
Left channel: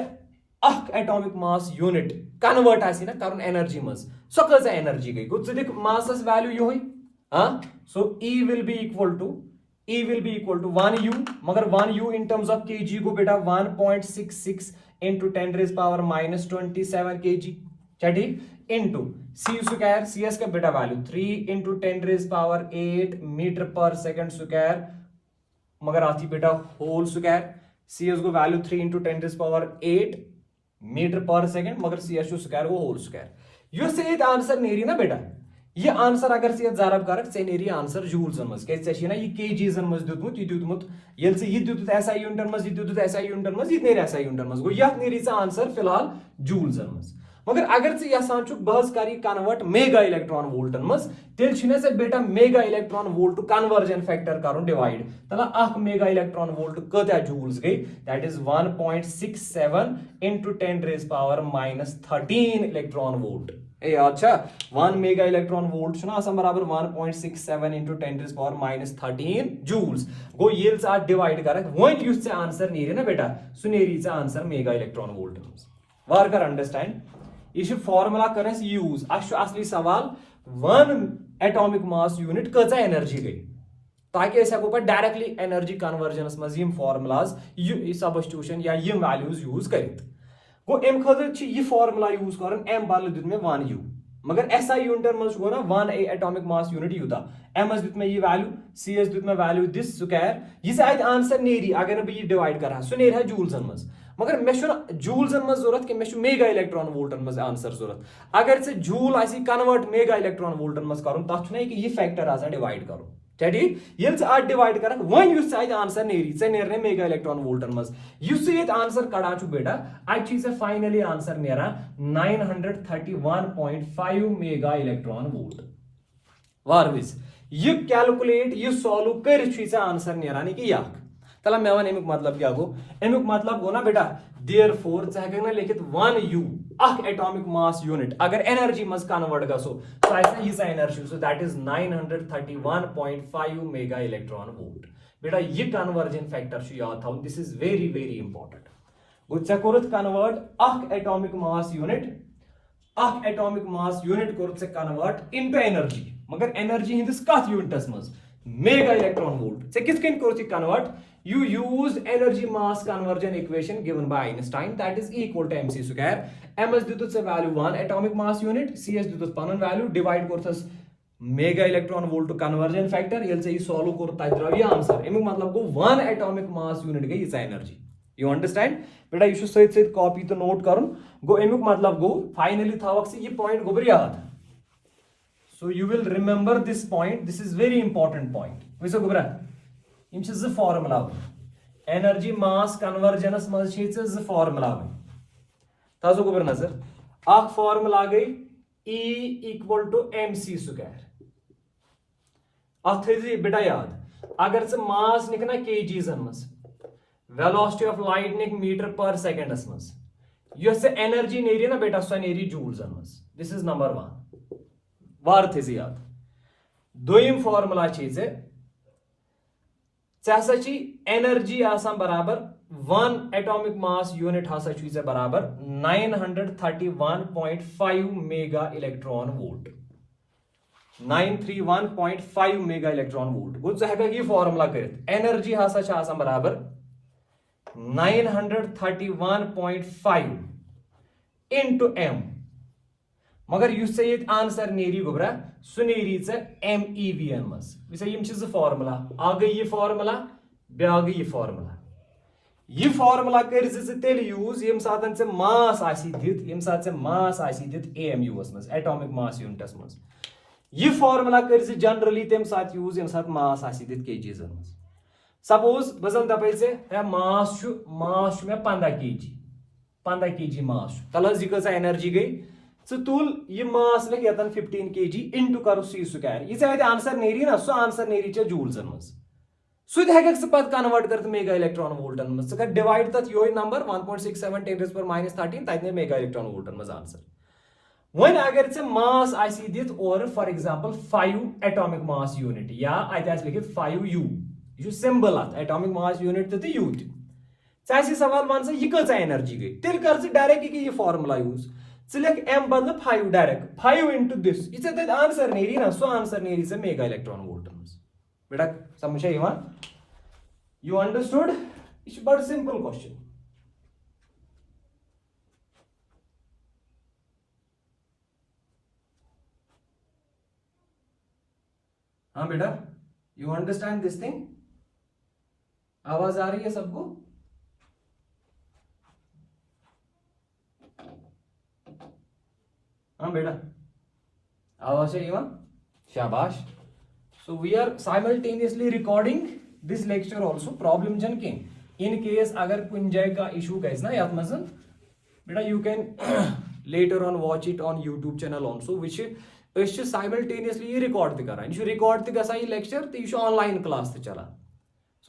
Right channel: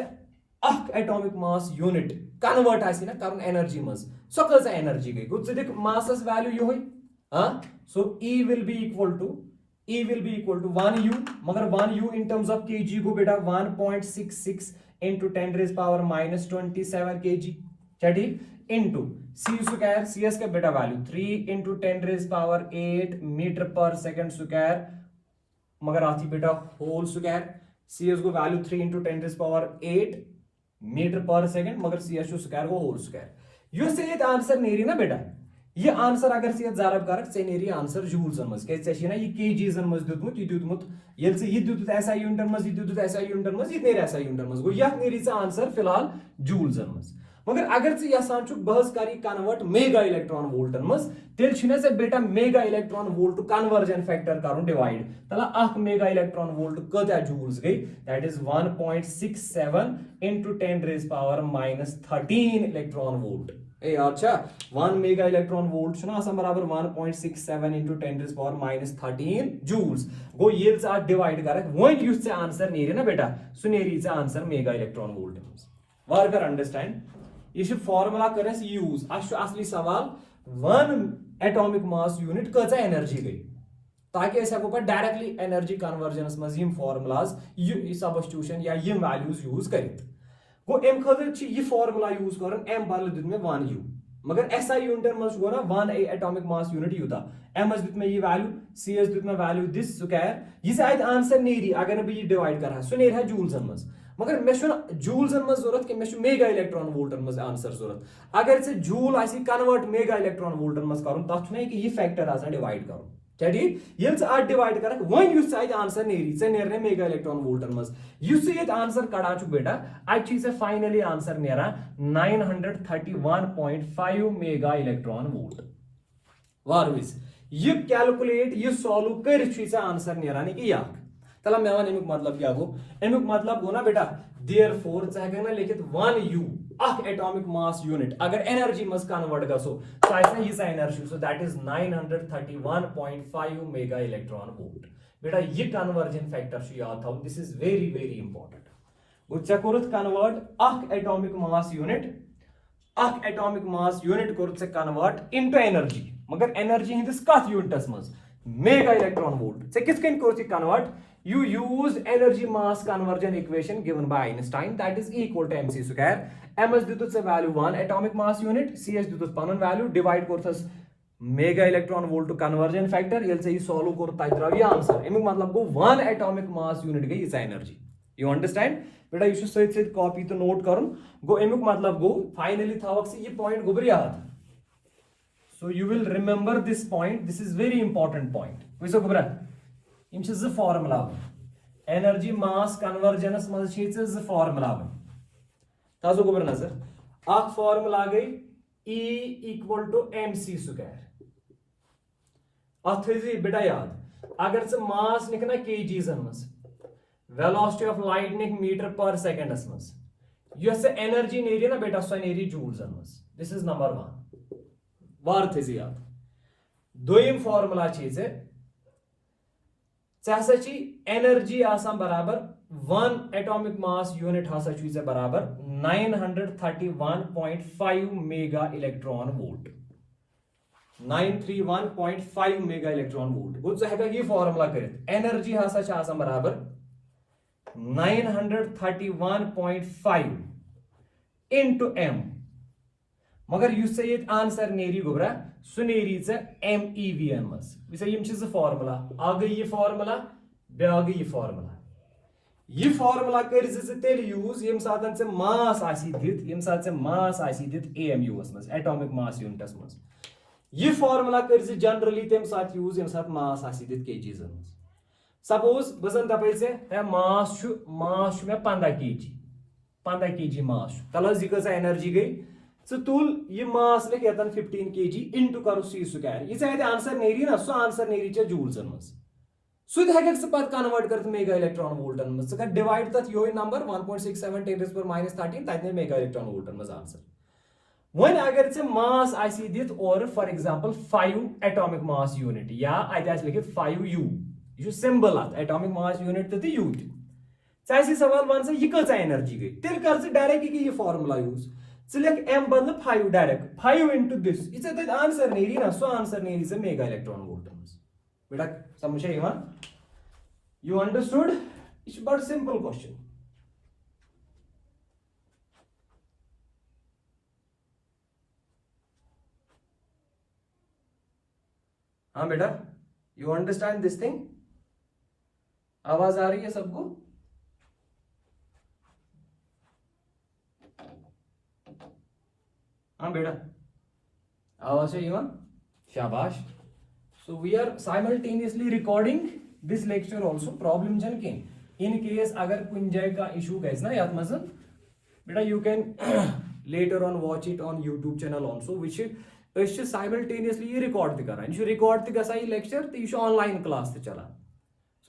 अख एटॉमिक मास यूनिट कन्वर्ट आसी ना करन एनर्जी मज सो कज एनर्जी गई गो दिख MASS value yo so E will be equal to 1u मगर 1u in terms of kg को बेटा 1.66 into 10 raised power minus 27 kg छा ठीक into c स्क्वायर cs का बेटा value 3 into 10 raised power 8 metre पर सेकंड स्क्वायर मगर आती बेटा होल स्क्वायर cs को value 3 into 10 raised power 8 metre पर सेकंड मगर cs स्क्वायर को होल स्क्वायर यो से आंसर नेरी ना बेटा ये आंसर अगर से जरब कर नेरी आंसर जूल्सन मज क्या ये केजीजन मज दितमुत यह दितमुत ये दितुत SI यूनिटन मज यह दितुत SI यूनिटन मज यह नेरी SI यूनिटन मज गो यह नेरी आंसर फिलहाल जूल्सन मज मगर अगर यसान बहस कर कन्वर्ट मेगा इलेक्ट्रॉन वोल्टन मज तेल से बेटा mega electron volt conversion factor कर डिवाइड तला अख मेगा इलेक्ट्रॉन वोल्ट कत्या जूल्स गई that is 1.67 into 10 raised power minus 13 electron volt अच्छा 1 मेगा इलेक्ट्रॉन वोल्ट बराबर 1.67 into 10 raised power minus 13 joules गो ये डिवाइड कर वन युस आंसर नेरी ना बेटा सह नेरी आंसर मेगा इलेक्ट्रॉन वोल्ट वार कर अंडरस्टैंड यह फॉर्मुला कर यूज असली सवाल 1 एटॉमिक मास यूनिट कच एनर्जी गई ताकि हेको पे डायरेक्टली एनर्जी कन्वर्जनस मज फॉर्मुलाज सब्स्टिट्यूशन या वैल्यूज यूज कर गो अम खतर यह फॉर्मुला यूज कर एम बदल दुत मे 1 यू मगर SI यूनिटन मज गो ना 1 एटॉमिक मास यूनिट यूता एम दुत मे यह वैल्यू सी दुत मे वैल्यू दिस स्क्वायर यह अत आंसर नेरी अगर बह यह डिवाइड कर सह नेर जूल्सन मज मगर मे जूल्सन मज जरूरत कि मे मेगा इलेक्ट्रॉन वोल्टन मज आंसर जरूरत अगर से जूल आसी कन्वर्ट मेगा इलेक्ट्रॉन वोल्टन मज कर तथ कि यह फैक्टर आसान डिवाइड कर ठीक ये डिवाइड कर वन आंसर नेरी नेर मेगा इलेक्ट्रॉन वोल्टन मज आंसर कड़ा बेटा अ फाइनली आंसर नेरा 931.5 मेगा इलेक्ट्रॉन वोल्ट वारविज यह कैलकुलेट यह सॉल्व कर आंसर नेरान कि तला मे वन अमुक मतलब क्या गो अमुक मतलब गो ना बेटा देयरफॉर ना लिखित 1 यू एटॉमिक मास यूनिट अगर एनर्जी मज कन्वर्ट गसो तो यह energy so that is 931.5 mega electron volt बेटा यह कन्वर्जन फैक्टर याद था this is very very important चे कोरुत कन्वर्ट एटॉमिक मास यूनिट कोरुत से कन्वर्ट इनटू एनर्जी मगर एनर्जी हिंदिस कथ यूनिटस मज मेगा इलेक्ट्रॉन वोल्ट से किस कोरुत convert you use energy mass conversion equation given by Einstein that is equal to mc square m is ditut se value 1 atomic mass unit c is ditut panun value divide korthas mega electron volt to conversion factor yel se solve kor tai draw ye answer emu matlab go 1 atomic mass unit गई इस energy you understand beta you should say copy to note karun go emu matlab go finally thawak se ye point go ber yaad so you will remember this point this is very important point वैसे go bra यम ज formula energy मास conversions मज ज formula तजो गोबर नजर अख formula गई E equal to mc square अथ बेटा याद अगर से मास निक ना kgs मज वेलोसिटी ऑफ लाइट निक मीटर पर सेकंडस मज यस एनर्जी नेरी ना बेटा सो नेरी जूल्स मज दिस इज नंबर 1 वार थे याद दोयम फॉर्मुला छे एनर्जी आसान बराबर 1 एटॉमिक मास यूनिट हसा बराबर 931.5 mega electron volt 931.5 mega electron volt गो ये फॉर्मुला कर एनर्जी हसा आसान बराबर 931.5 इनटू m मगर युस ये आंसर नेरी गोबरा सु नेरी MEVN मज वैसे फॉर्मुला आ गई ये फॉर्मुला ब्या गई ये फॉर्मुला कर तेल यूज यम सात से मास दित AMU मज एटॉमिक मास यूनिटस मज ये फॉर्मुला कर जनरली तम सात यूज यम सात मास दित kgs मज सपोज बजन दपे से मास मे 15 kg मास तल यह एनर्जी गई तुल यह मास लिख यतन 15 kg इनटू कर सी स्क्वायर यह आंसर नेरी ना सो आंसर नेरी चे जूल्सन मज सह पत कन्वर्ट कर मेगा इलेक्ट्रॉन वोल्टन मज कर डिवाइड तथ यो नंबर 1.67 10⁻13 तत मेगा इलेक्ट्रॉन वोल्टन मज आंसर वन अगर से मास आसी दित और for example 5 atomic mass unit या अत लिखित 5 यू यह सिंबल अत एटॉमिक मास यूनिट तो यू ती सवाल वन यह कच एनर्जी गई तेल कर डायरेक्ट यह फॉर्मुला यूज लिख m बदल 5 डायरेक्ट 5 इनटू दिस ये आंसर नेरी ना सो आंसर नेरी से मेगा इलेक्ट्रॉन वोल्टन बेटा समझ यू अंडरस्टूड इट्स बड़ सिंपल क्वेश्चन हाँ बेटा यू अंडरस्टैंड दिस थिंग आवाज आ रही है सबको हाँ बेटा आवाज है इवन शाबाश so we are simultaneously recording this lecture also problem जन के इन केस अगर कुछ जगह का इशू गई ना याद मज बेटा you can later on watch it on YouTube channel also which simultaneously record तक रिकॉर्ड तह लेक्चर तो यह ऑनलाइन क्लास चलान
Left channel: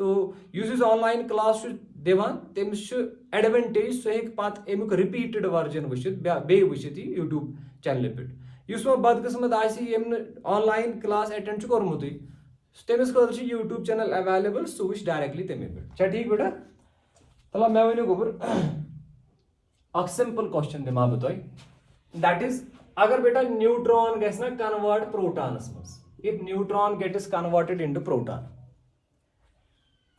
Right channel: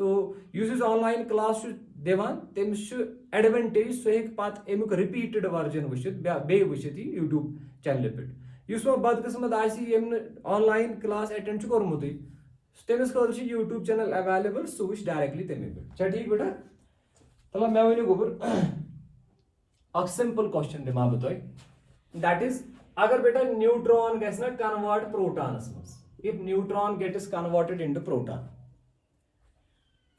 सो युस ऑनलाइन क्लास दिवान तमिस एडवांटेज सह पत अमुक रिपीटेड वर्जन वुचित बे वुचित यूट्यूब चैनल पे वो बदकिस्मत ऑनलाइन क्लास अटेंड कोर्मुत तमिस खतर यूट्यूब चैनल अवेलेबल सह वुच डायरेक्टली तमे पे ठीक बेटा तला मे वन गोबर सिंपल क्वेश्चन दिमा बह that is agar beta neutron gets na convert protons mas, if neutron gets converted into proton,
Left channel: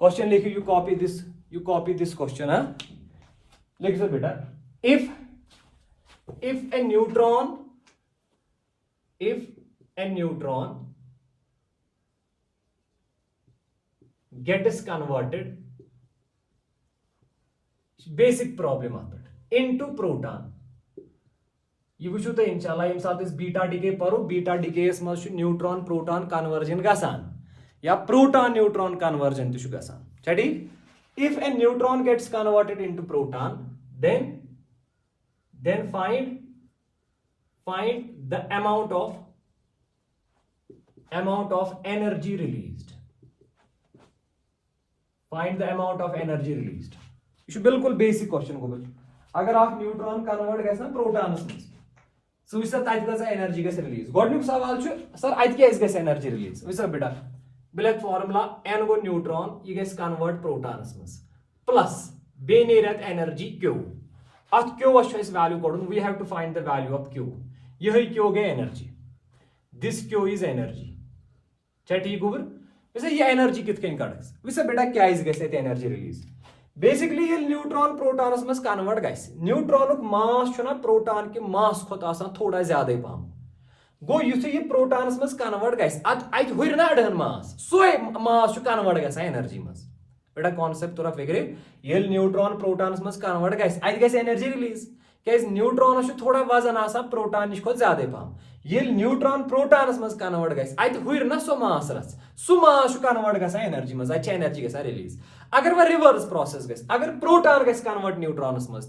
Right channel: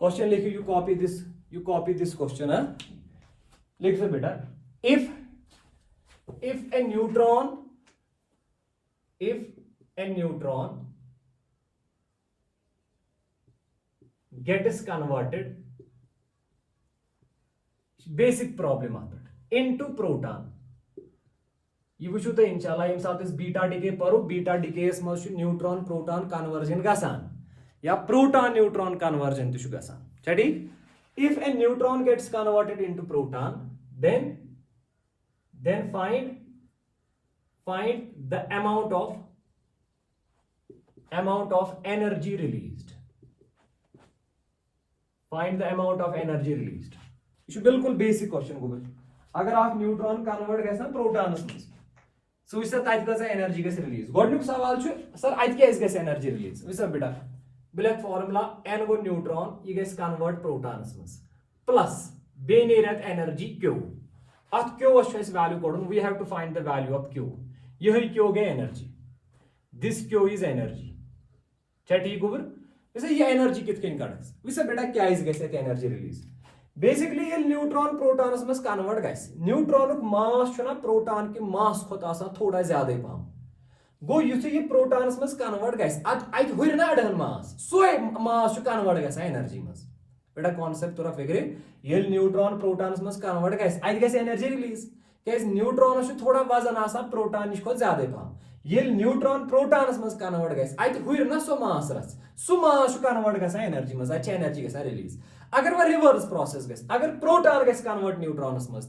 question likhi, you copy this question, huh? Likh do beta, if a neutron gets converted, basic problem into proton. You wish to inshallah yemsat is beta decay paru, beta decay must neutron proton conversion gasan ya proton neutron conversion to gasan. Chadi, if a neutron gets converted into proton, then find the amount of energy released. Find the amount of energy released. You should बिल्कुल basic question को बच्चों. अगर आप neutron convert गए ना प्रोटॉनस में, सो इस तक गस एनर्जी गस रिलीज. गोडनुक सवाल छु सर अत क्या गस एनर्जी रिलीज. विस बेटा बिलक फार्मूला n गो न्यूट्रॉन ये गस कन्वर्ट प्रोटॉनस में प्लस बे नेरत एनर्जी q. अत q वश वैल्यू कड़न, we have to find the value of q. यही q गई energy, this q is energy. क्या ठीक गोबर वैसे ये एनर्जी कित कन कड़स. वैसे बेटा क्या इज गस एनर्जी रिलीज. बेसिकली ये न्यूट्रॉन प्रोटॉनस में कन्वर्ट गस, न्यूट्रॉन मास छुना प्रोटॉन के मास खोत आसान थोड़ा ज्यादा पहम. गो युथे ये प्रोटॉनस में कन्वर्ट गस अत हुर ना अड़हन मास, सोए मास कन्वर्ट गस एनर्जी में. बेटा कॉन्सेप्ट थोड़ा फिक्र, ये न्यूट्रॉन प्रोटॉनस में कन्वर्ट गस अत गस एनर्जी रिलीज. क्या न्यूट्रॉन थोड़ा वजन आसान प्रोटॉन नश ज्यादा पहम. ये न्यूट्रॉन प्रोटॉनस में कन्वर्ट गस अत हुर ना सो मास रच, सो मास कन्वर्ट गसान एनर्जी में, अत एनर्जी गसान रिलीज. अगर वह रिवर्स प्रोसेस गस, अगर प्रोटॉन गस कन्वर्ट न्यूट्रॉनस में,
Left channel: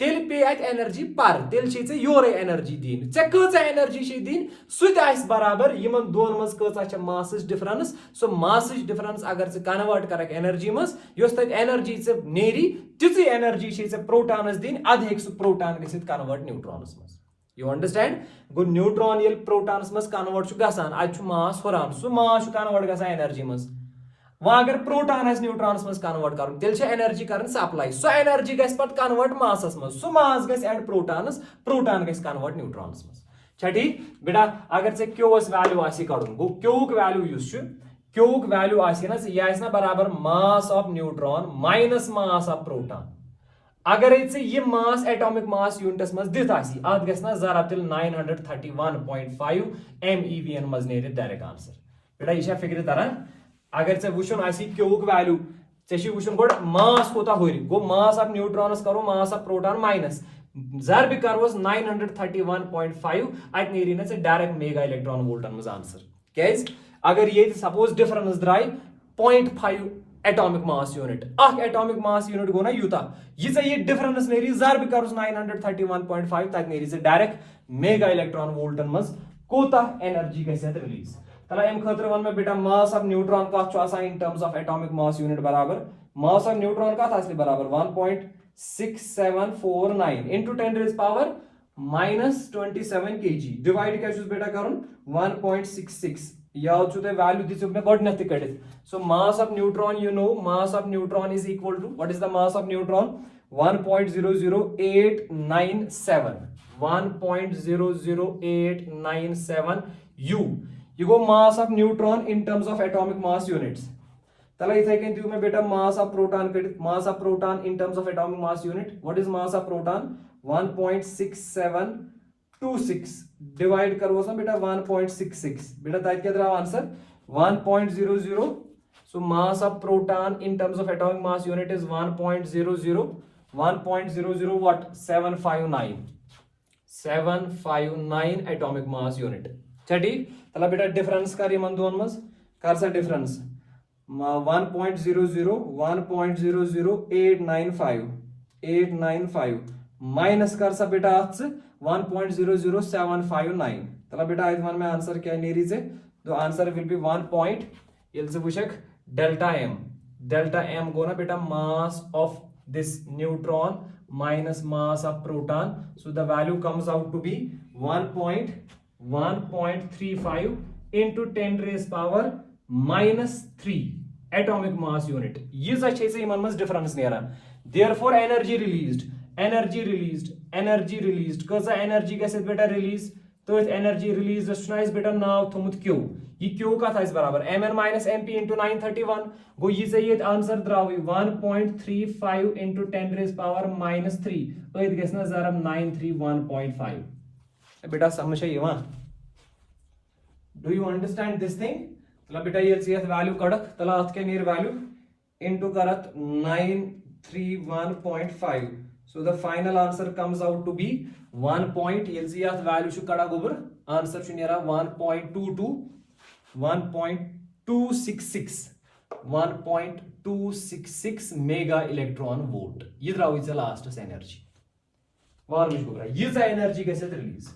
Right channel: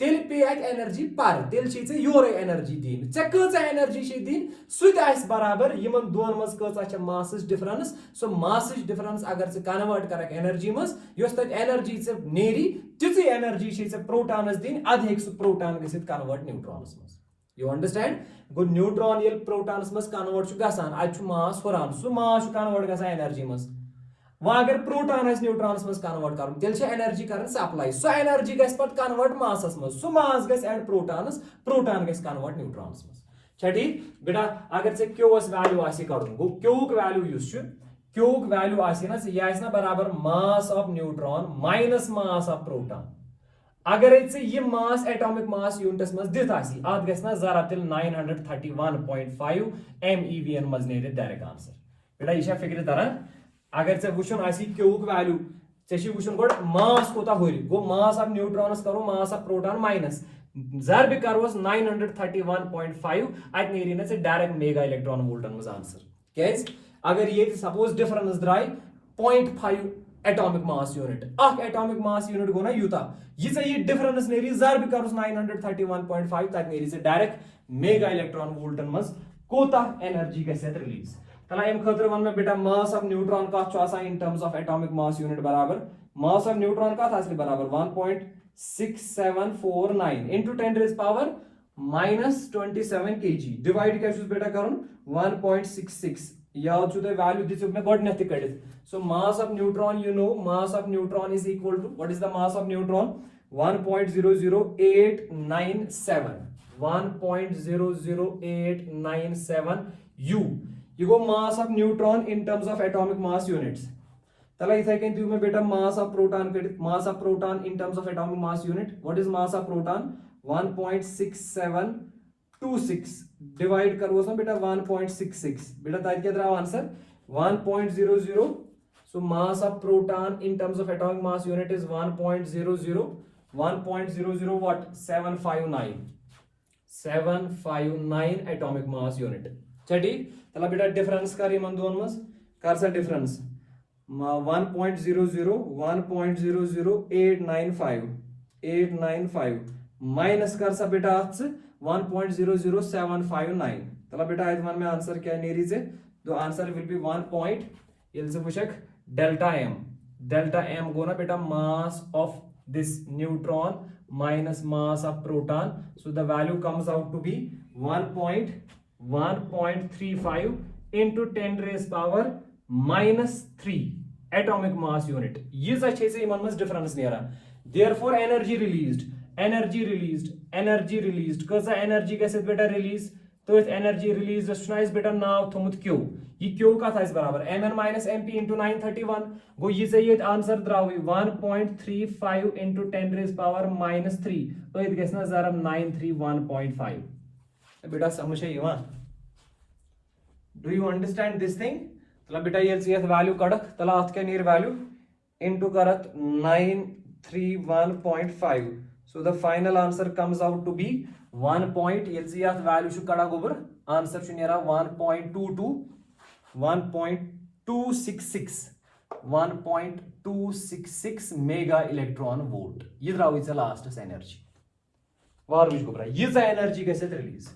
तेल पे अत एनर्जी पर, तेल योर एनर्जी दिन. ऐ कच एनर्जी दिन सह बराबर यमन दोन मज कच मास डिफरेंस. सो मास डिफरेंस अगर ऐ कन्वर्ट कर एनर्जी मज, यस तक एनर्जी नेरी ती एनर्जी प्रोटॉनस दिन, अद हे प्रोटॉन गसित कन्वर्ट न्यूट्रॉनस मज. You understand. गो न्यूट्रॉन ये प्रोटॉनस मज कन्वर्ट गसान, अत मास हुरान, सो मास कन्वर्ट गसान एनर्जी मज. वह अगर प्रोटॉन न्यूट्रॉनस मज कन्वर्ट कर, तेल एनर्जी कर सप्लाई, सो एनर्जी गस पत कन्वर्ट मासस मज, सो मास गस एड प्रोटॉनस, प्रोटॉन गस कन्वर्ट न्यूट्रॉनस मज. छा ठीक बेटा. अगर ऐ क्यूस वैल्यू आसी कड़न, गो क्यूक वैल्यू युस क्यूक वैल्यू आसी ना यह बराबर mass of neutron minus mass of proton. अगर ये मास एटॉमिक मास यूनिटस मज दित आसी, अत गस ना जरा तिल 931.5 MeV मज नेरित डायरेक्ट आंसर. बेटा यह फिक्र तरह. अगर ऐ वुचन आसी क्यूक वैल्यू, ऐ वुचन गोड मास कोता हुर, गो मास ऑफ न्यूट्रॉनस करो मास ऑफ प्रोटॉन माइनस जरब करोस 931.5, अत नेरी ना डायरेक्ट मेगा इलेक्ट्रॉन वोल्टन मज आंसर. कैज अगर ये सपोज डिफरेंस द्राय 0.5 एटॉमिक मास यूनिट, अख एटॉमिक मास यूनिट गो ना यूता, ये डिफरेंस नेरी जरब करोस 931.5, तक नेरी डायरेक्ट मेगा इलेक्ट्रॉन वोल्टन मज कोता एनर्जी गसे रिलीज. तला एम खतर वन में बेटा मास ऑफ न्यूट्रॉन का in terms of atomic mass unit बराबर, मास ऑफ न्यूट्रॉन का बराबर 1.6749 into 10 raised power -27 kg. Divide क्या बेटा करुन 1.66. याद छु वैल्यू दिसुक ने गडनथ कडित. So mass of neutron, you know mass of neutron is equal to, what is the mass of neutron? 1.00897 1.00897 U. You go mass of neutron in terms of atomic mass units. तला इथे कहीं तू में बेटा mass of proton in terms of atomic mass unit. What is mass of proton? 1.6726 divide करो उसमें बेटा 1.66. बेटा ताकि क्या तेरा answer 1.00. So mass of proton in terms of atomic mass unit is 1.00 what? 759 atomic mass unit. चटी तला बेटा डिफरेंस कर मन दोन मस कर सा डिफरेंस 1.00895 माइनस कर सा बेटा 1.00759. तला बेटा आज मन में आंसर क्या नेरी से, तो आंसर विल बी 1 पॉइंट ये से पुछक डेल्टा m गो ना बेटा mass of this neutron minus mass of proton, so the value comes out to be 1.35 into 10 raised power -3 atomic mass unit. ये अच्छे से इमन में डिफरेंस नहीं आ रहा. Therefore energy released energy released कसा energy गैसे बेटा release तो इस energy released सुनाइस बेटा नाव थमुत Q ये Q का था इस बराबर mn minus mp into 931 गो ये सही answer द्राव 1.35 into 10 raised power minus 3 तो ये गैस ना जरा 931.5 बेटा समझ है ये do you understand this thing तला बेटा ये CS value कड़क तला आज के नीर value into करत 931.5 so the final answer comes out to be 1 point यह value शु कड़ा गोबर answer शु नेरा 1.266 mega electron volt ये द्राव इस last energy वार विश गोबर ये energy कैसे release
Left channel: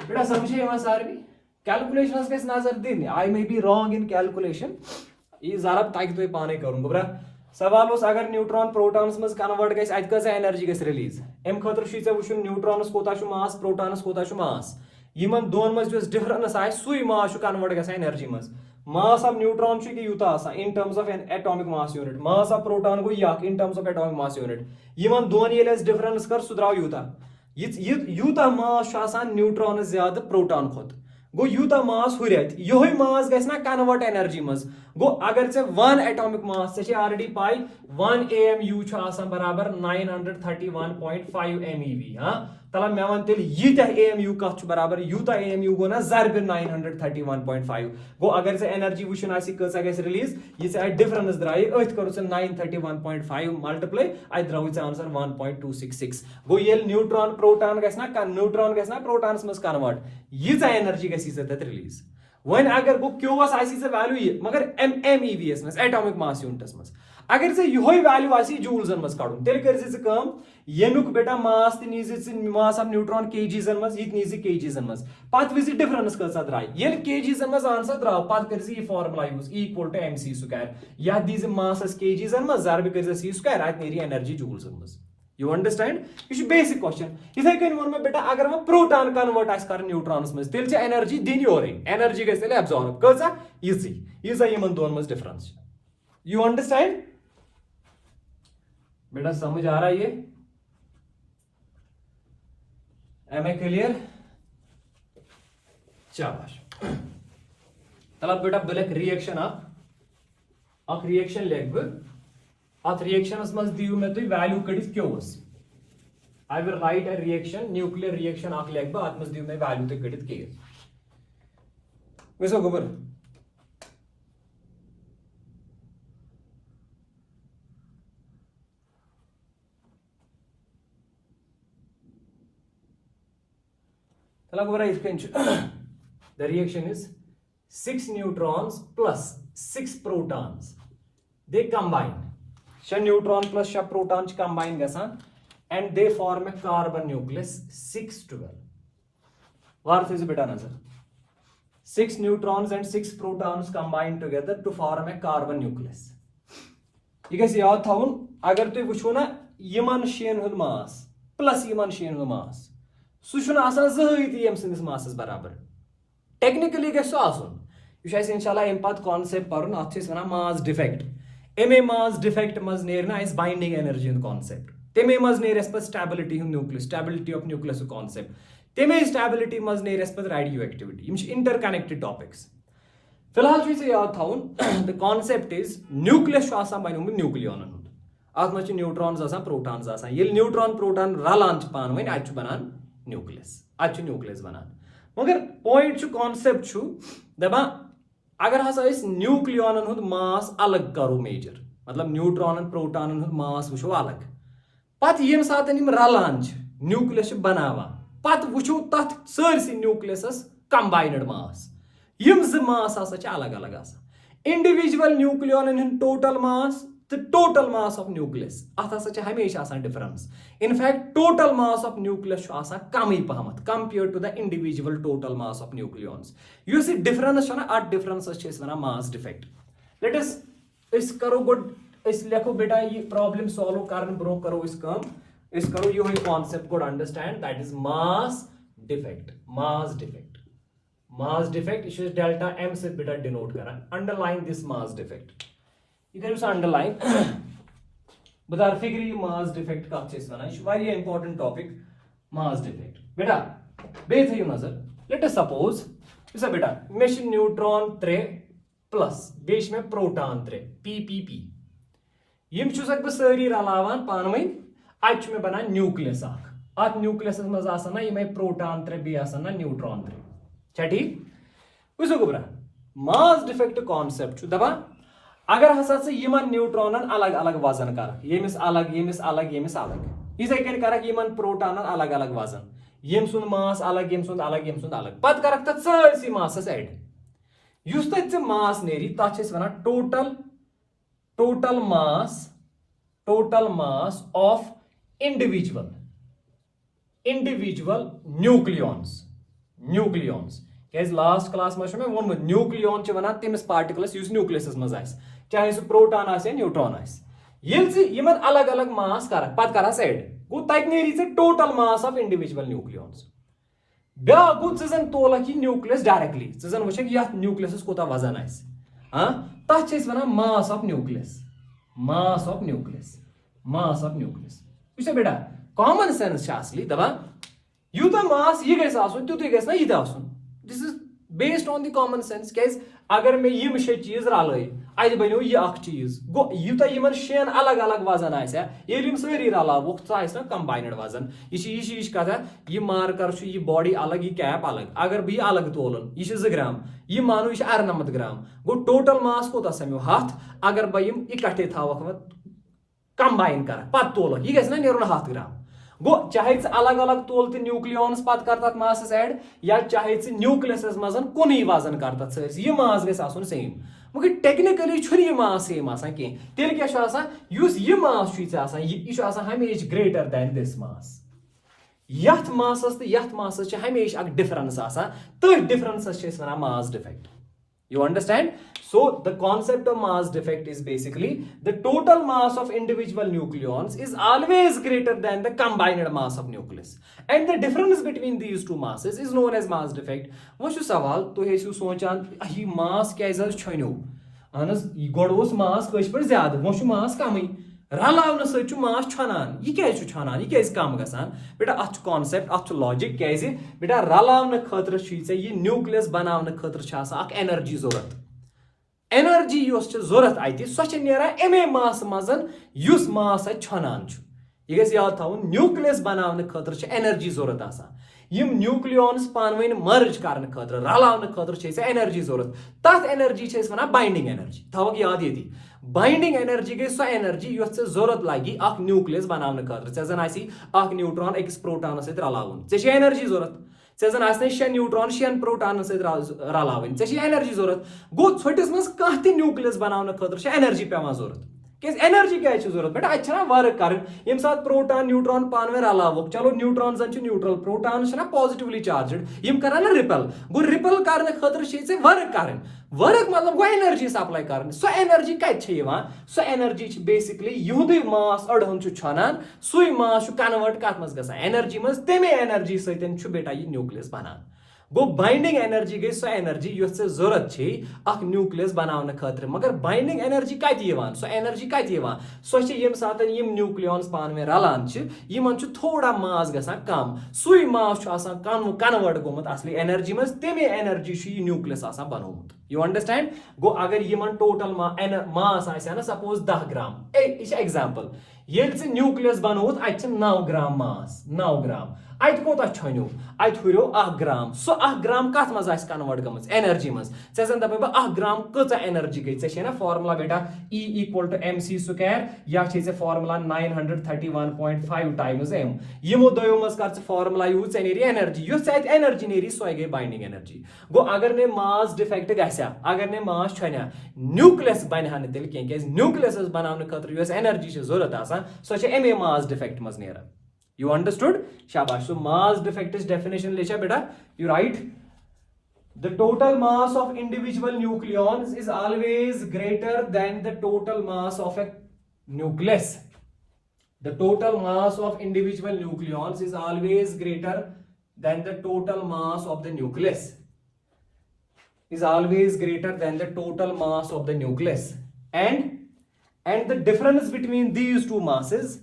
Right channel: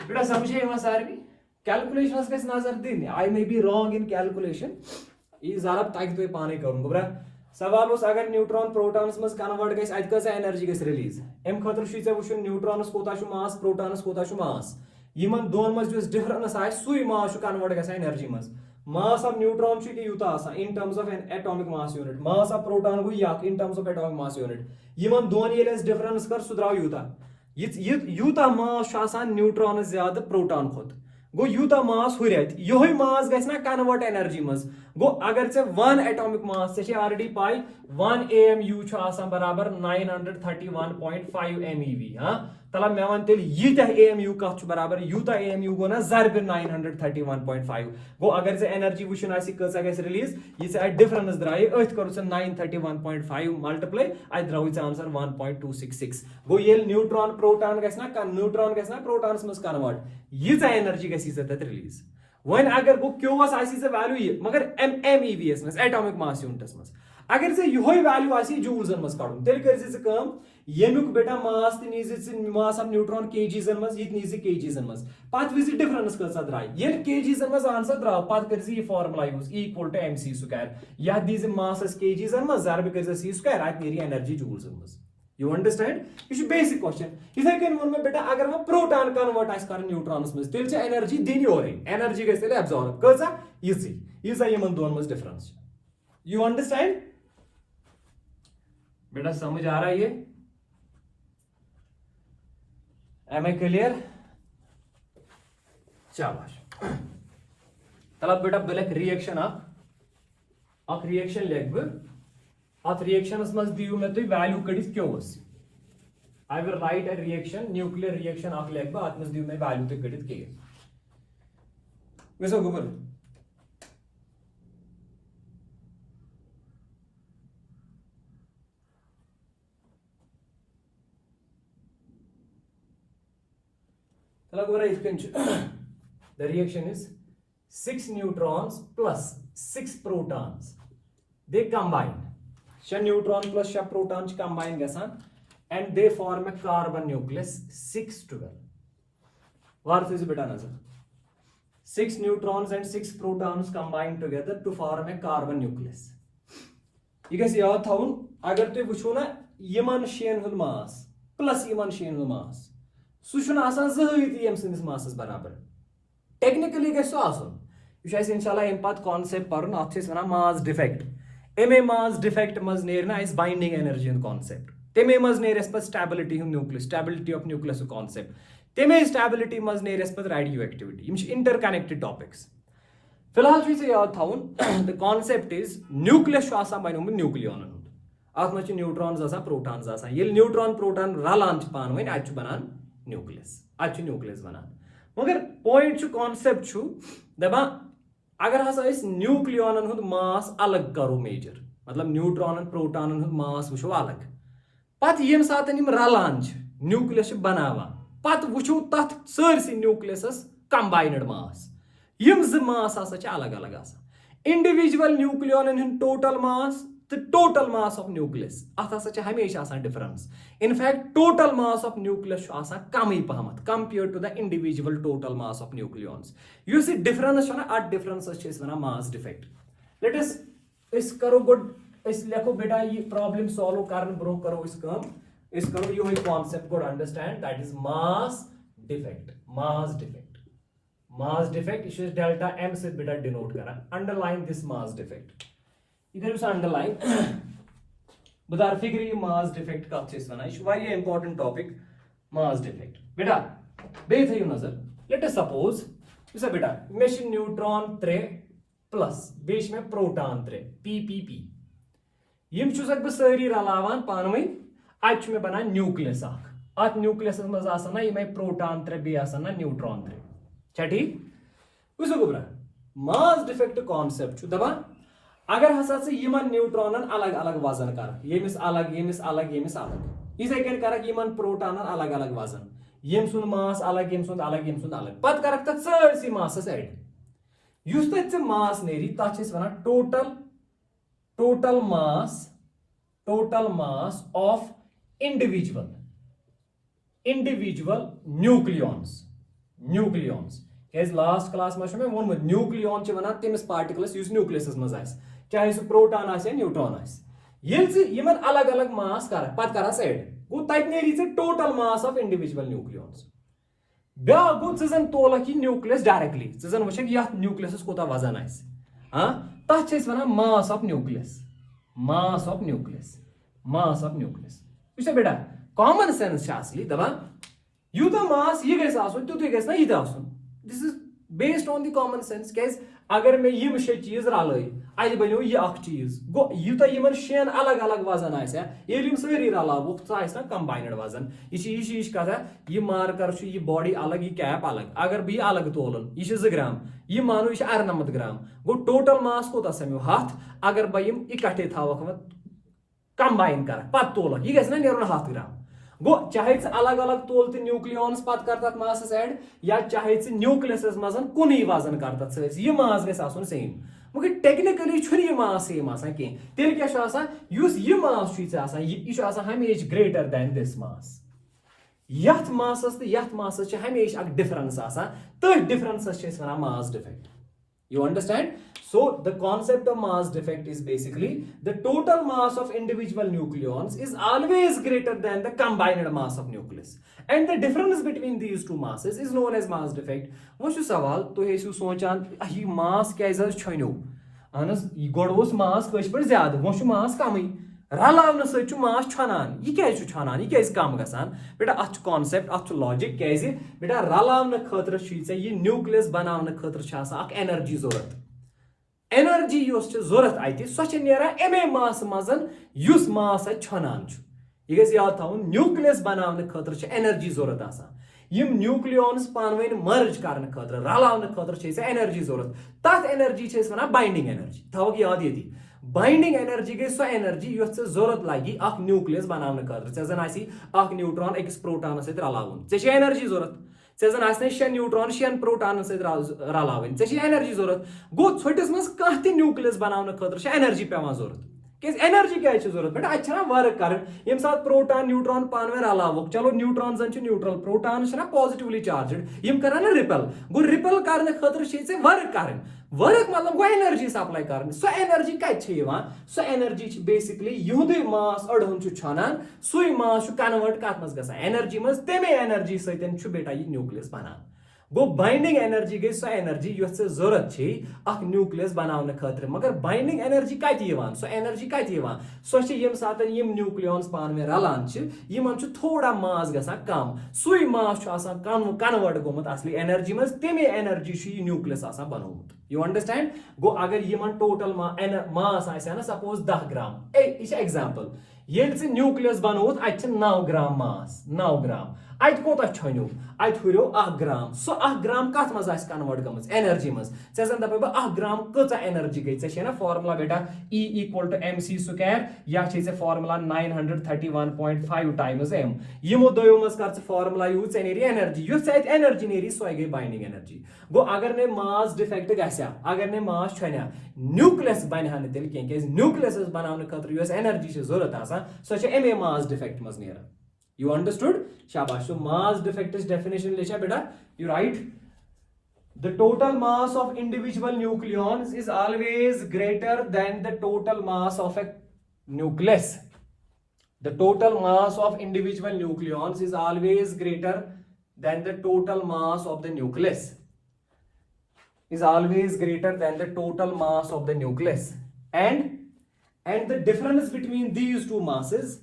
बेटा समझे ये सारी calculations के नजर दिन I may be wrong in calculation ये ज़रा ताकि तो ये पाने करूँगा बरा सवाल उस अगर न्यूट्रॉन प्रोटॉन्स में कन्वर्ट गई आज का एनर्जी गई रिलीज एम खतर शुई वुचुन न्यूट्रॉनस कोता छु मास प्रोटॉनस कोता छु मास यमन दोन मज जो डिफरेंस आए सुई मास छु कन्वर्ट गई एनर्जी मज मास ऑफ न्यूट्रॉन छु कि युता आसा इन terms of N atomic mass unit mass of proton go yak in terms of atomic mass unit Yemen दोन येले डिफरेंस कर सुद्राव युता युता मास छु आसा न्यूट्रॉन ज्यादा प्रोटॉन खोत गो यूता मास हुरियत योही मास गैस ना कन्वर्ट एनर्जी मज गो अगर से 1 एटॉमिक मास से ऑलरेडी पाई 1 AMU छु आसान बराबर 931.5 MeV हां तला मैं वन तेल यीता AMU का छु बराबर यूता AMU गो ना जरब 931.5 गो अगर से एनर्जी वुशन आसी कसा गैस रिलीज ये से डिफरेंस द्राई अथ करू से 931.5 मल्टीप्लाई आई द्राउ इट्स आंसर 1.266 गो ये न्यूट्रॉन प्रोटॉन गैस ना प्रोटॉन्स मस कन्वर्ट ये एनर्जी गैस इस रिलीज वन अगर गो क्यों आसी से वैल्यू ये मगर MEVs मस एटॉमिक मास यूनिट्स मस अगर से योही वैल्यू आसी जूल्सन मस काडुन तेल करजे से कम येनुक बेटा मास ति नीजे से मास ऑफ न्यूट्रॉन केजीसन मस ये नीजे केजीसन मस पात विजि डिफरेंस कसा द्राय ये केजीसन मस आंसर द्राव पात करजे ये formula use equal to mc square या दीज मास केजीसन मस जरब करजे c स्क्वायर आत नेरी एनर्जी जूल्सन मस You understand? ये बेसिक क्वेश्चन इथे कन वन में बेटा अगर वो प्रोटॉन कन्वर्ट आस कर न्यूट्रॉन्स में तेल छ एनर्जी दिन और एनर्जी गैस तेल एब्सॉर्ब कसा इजी यमन दोन में डिफरेंस यू अंडरस्टैंड बेटा समझ आ रहा है ये एम आई क्लियर शाबाश तलब बेटा ब्लैक रिएक्शन अक रिएक्शन लेग अत रिएक्शनस मज दियो मे तुम वैल्यू कड़ित क्योस I will write a reaction nuclear reaction अख लेग अत मज दियो मे वैल्यू ते कड़ित के वैसा गोबर चला गोबर the reaction is 6 neutrons plus 6 protons they combine Sha neutron plus sha protons combine gasan and they form a carbon nucleus 612. What is beta answer? 6 neutrons and 6 protons combine together to form a carbon nucleus. You guys yaad thaun agar tu wuchu na yaman shein hund mass plus yaman shein hund mass su shuna asan zahiti yam sindis masses barabar. Technically guys so asun. You shall inshallah impact concept parun athis wana mass defect. एमे mass defect मज नेरना इस binding energy इन concept तेमे मज नेरस पर stability इन nucleus stability of nucleus concept तेमे स्टेबिलिटी मज नेरस पर रेडियो एक्टिविटी यम इंटरकनेक्टेड टॉपिक्स फिलहाल छ से याद थाउन द कॉन्सेप्ट इज न्यूक्लियस छ आसान बनोम न्यूक्लियन अत मज न्यूट्रॉन्स आसान प्रोटॉन्स आसान ये न्यूट्रॉन प्रोटॉन रलान छ पान वइन अत छ बनान न्यूक्लियस अत छ न्यूक्लियस बनान मगर पॉइंट छ कॉन्सेप्ट छ दबा अगर हसा इस न्यूक्लियन हुंद मास अलग करो मेजर मतलब न्यूट्रॉन प्रोटॉन हुंद मास वुचो अलग पत यम सातन यम रलान छ न्यूक्लियस बनावा पत वुचो तथ सरसी न्यूक्लियस कंबाइंड मास यम ज मास आसा छ अलग अलग आसा इंडिविजुअल न्यूक्लियन हुंद total mass the total mass of nucleus अत हसा छ हमेशा आसान difference in fact total mass of nucleus आसान कमी पहमत compared to the individual total mass of nucleons युस डिफरेंस छ ना अट डिफरेंस छ इस वना मास डिफेक्ट लेट अस इस करो गुड इस लेखो बेटा ये प्रॉब्लम सॉल्व करन ब्रो करो इस काम इस करो यो ही concept good understand that is mass defect इस डेल्टा m से बेटा डिनोट करा अंडरलाइन दिस मास डिफेक्ट इधर उस अंडरलाइन बता फिगर ये मास डिफेक्ट का अच्छे से ना इस वाली इंपॉर्टेंट टॉपिक mass defect. बेटा बे थी नजर. Let us suppose इसे बेटा मे न्यूट्रॉन 3 प्लस बेश में प्रोटॉन 3 p यम छुसक बह सारी रलावान पानवई आज में बना न्यूक्लियस अत न्यूक्लियस मज आसान यम प्रोटॉन 3 बे आसान न्यूट्रॉन 3 छा ठीक वुसो गोबरा मास डिफेक्ट कॉन्सेप्ट दपान अगर हसा यमन न्यूट्रॉनन अलग अलग वजन कर यमिस अलग यमिस अलग यमिस अलग इसे कन करक यमन प्रोटॉनन अलग अलग वजन यम सुन मास अलग यम सुन अलग यम सुन अलग पत करक तत सारसी मासस ऐड युस तत मास नेरी तत छस वना total mass of individual nucleons कैसे लास्ट क्लास में मैं वोन न्यूक्लियॉन वना तमिस पार्टिकलस युस न्यूक्लियस मज आस चाहे सह प्रोटॉन आस या न्यूट्रॉन आस यमन अलग अलग मास कर पत कर ऐड गो तत नेरी total mass of individual nucleons ब्या गो जन तोलक यह न्यूक्लियस डायरेक्टली जन वुक ये न्यूक्लियस कोता वजन आस तथ वन मास ऑफ न्यूक्लियस वुच बेटा कॉमन सेंस असली दपान यूत मास यह गस आसन तुत गस ना यह आसन this is based on the common sense कैसे अगर मे यम 6 चीज रल अत बनो यह चीज गो यूता यमन 6 अलग अलग वजन आम सारी रलावुक ना कंबाइनड वजन यह कथा यह मार्कर यह बॉडी अलग यह कैप अलग अगर बह यह अलग तोलन यह 2 ग्राम यह मानो यह 98 ग्राम गो टोटल मास कोता समो 7 अगर बह यम इकट्ठे थवक कंबाइन कर पत तोलक यह गना नेरुन 7 ग्राम गो चाहे अलग अलग तोल तो न्यूक्लियॉन्स पत कर तथ मासस ऐड या चाहे न्यूक्लियस मज कुन वजन कर तथ सर मास गस आसन सेम मगर टेक्निकली यह मास सेम कह तेल क्या यह मास यह हमेशा ग्रेटर दैन दिस मास यथ मासस तो यथ मासस हमेशा डिफरेंस तथ difference one mass defect You understand? So the concept of mass defect is basically the total mass of individual nucleons is always greater than the combined mass of nucleus. And the difference between these two masses is known as mass defect. वो शु सवाल तो है शु सोचान ये मास क्या छनो अहनस गोड ओस मास कश पर ज्यादा वो शु मास कमई रलावन सु मास छानान यह क्या छानान यह क्या कम गसान बेटा अत कॉन्सेप्ट अत लॉजिक क्या बेटा रलावन खतर यह न्यूक्लियस बनावन खतर एनर्जी जरूरत एनर्जी जरूरत अत सो नेरान अमे मास मजन युस मास छानान यह गस याद थवन न्यूक्लियस बनावन खतर एनर्जी जरूरत यम न्यूक्लियॉन्स पानवन मर्ज करने खतर रलावन खतर एनर्जी जरूरत तथ एनर्जी वन बाइंडिंग एनर्जी थवक याद ये बाइंडिंग एनर्जी गई सो एनर्जी युस जरूरत लगी न्यूक्लियस बनाने खतर जन न्यूट्रॉन अकिस प्रोटॉन सत रलावन एनर्जी जरूरत जन 6 न्यूट्रॉन 6 प्रोटॉन सत रलावन एनर्जी जरूरत गो छोटिस मज कह न्यूक्लियस बनाने खतर एनर्जी पेवान जरूरत एनर्जी क्या जरूरत बेटा अच्छा वर्क कर यम सात प्रोटॉन न्यूट्रॉन पानवे रलावुक चलो न्यूट्रॉन जन न्यूट्रल प्रोटॉन पॉजिटिवली चार्जड यम कर रिपल गो रिपल करने खतर वर्क कर वर्क मतलब गो एनर्जी सप्लाई कर सो एनर्जी कत सो एनर्जी बेसिकली युदे मास अड़हन छानान सु मास कन्वर्ट कत मज ग एनर्जी मज तमे एनर्जी सत बेटा यह न्यूक्लियस बनान गो बाइंडिंग एनर्जी गई सो एनर्जी युस जरूरत न्यूक्लियस बनाने खतर मगर बाइंडिंग एनर्जी कत सो एनर्जी कत सो यम सात यम न्यूक्लियॉन्स पानवे रलान यमन थोड़ा मास गसान कम सुई मास कन्वर्ट गोमुत असली एनर्जी मज तमे एनर्जी न्यूक्लियस बनोमुत यू अंडरस्टैंड गो अगर यमन टोटल मास ना सपोज 10 ग्राम यह एग्जाम्पल ये न्यूक्लियस बनोत अत 9 ग्राम मास 9 ग्राम अत कोता छनो अत हुरो 1 ग्राम सो 1 ग्राम कत मज कन्वर्ट गमज एनर्जी मज जन दप 1 ग्राम कचा एनर्जी गई ना फॉर्मुला बेटा E = mc स्क्वायर या फॉर्मुला 931.5 टाइम्स m यमो दयो मज कर फॉर्मुला यूज नेरी एनर्जी युस एनर्जी नेरी सो गई बाइंडिंग एनर्जी गो अगर ने मास डिफेक्ट गसा अगर ने मास छना न्यूक्लियस बनहा न तेल क्या न्यूक्लियस बनाने खतर युस एनर्जी जरूरत सो एमे मास डिफेक्ट मज नेरा You understood? Shabash. So mass defect is definition lecha beta. You write the total mass of individual nucleons is always greater than the total mass of a nucleus. The total mass of individual nucleons is always greater than the total mass of the nucleus. Is always greater than the total mass of the nucleus. And the difference between these two masses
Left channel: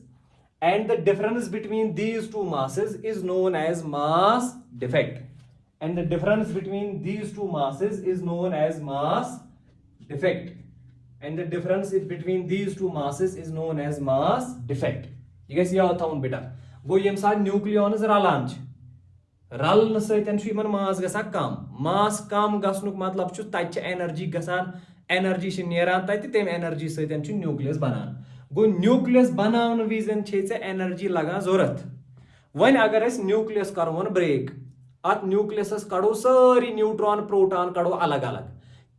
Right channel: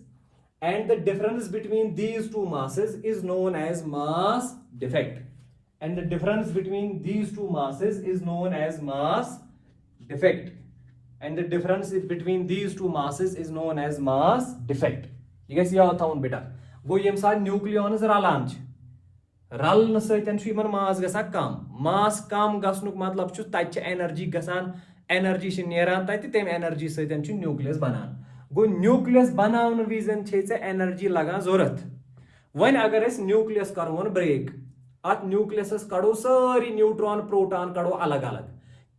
and the difference between these two masses is known as mass defect. And the difference between these two masses is known as mass defect. And the difference between these two masses is known as mass defect. You guys yaad thaun beta. Go yem sa nucleons ralan ch. Raln saithan chu iman mass gasa kam. Mass kam gasnuk matlab chu tat energy gasan, energy sh neran tat tem energy saithan chu nucleus banan. Go nucleus बनावन विजन छे से energy लगा जरूरत वन अगर अस nucleus करवन ब्रेक अत न्यूक्लियस कड़ो सारी न्यूट्रॉन प्रोटॉन कड़ो अलग अलग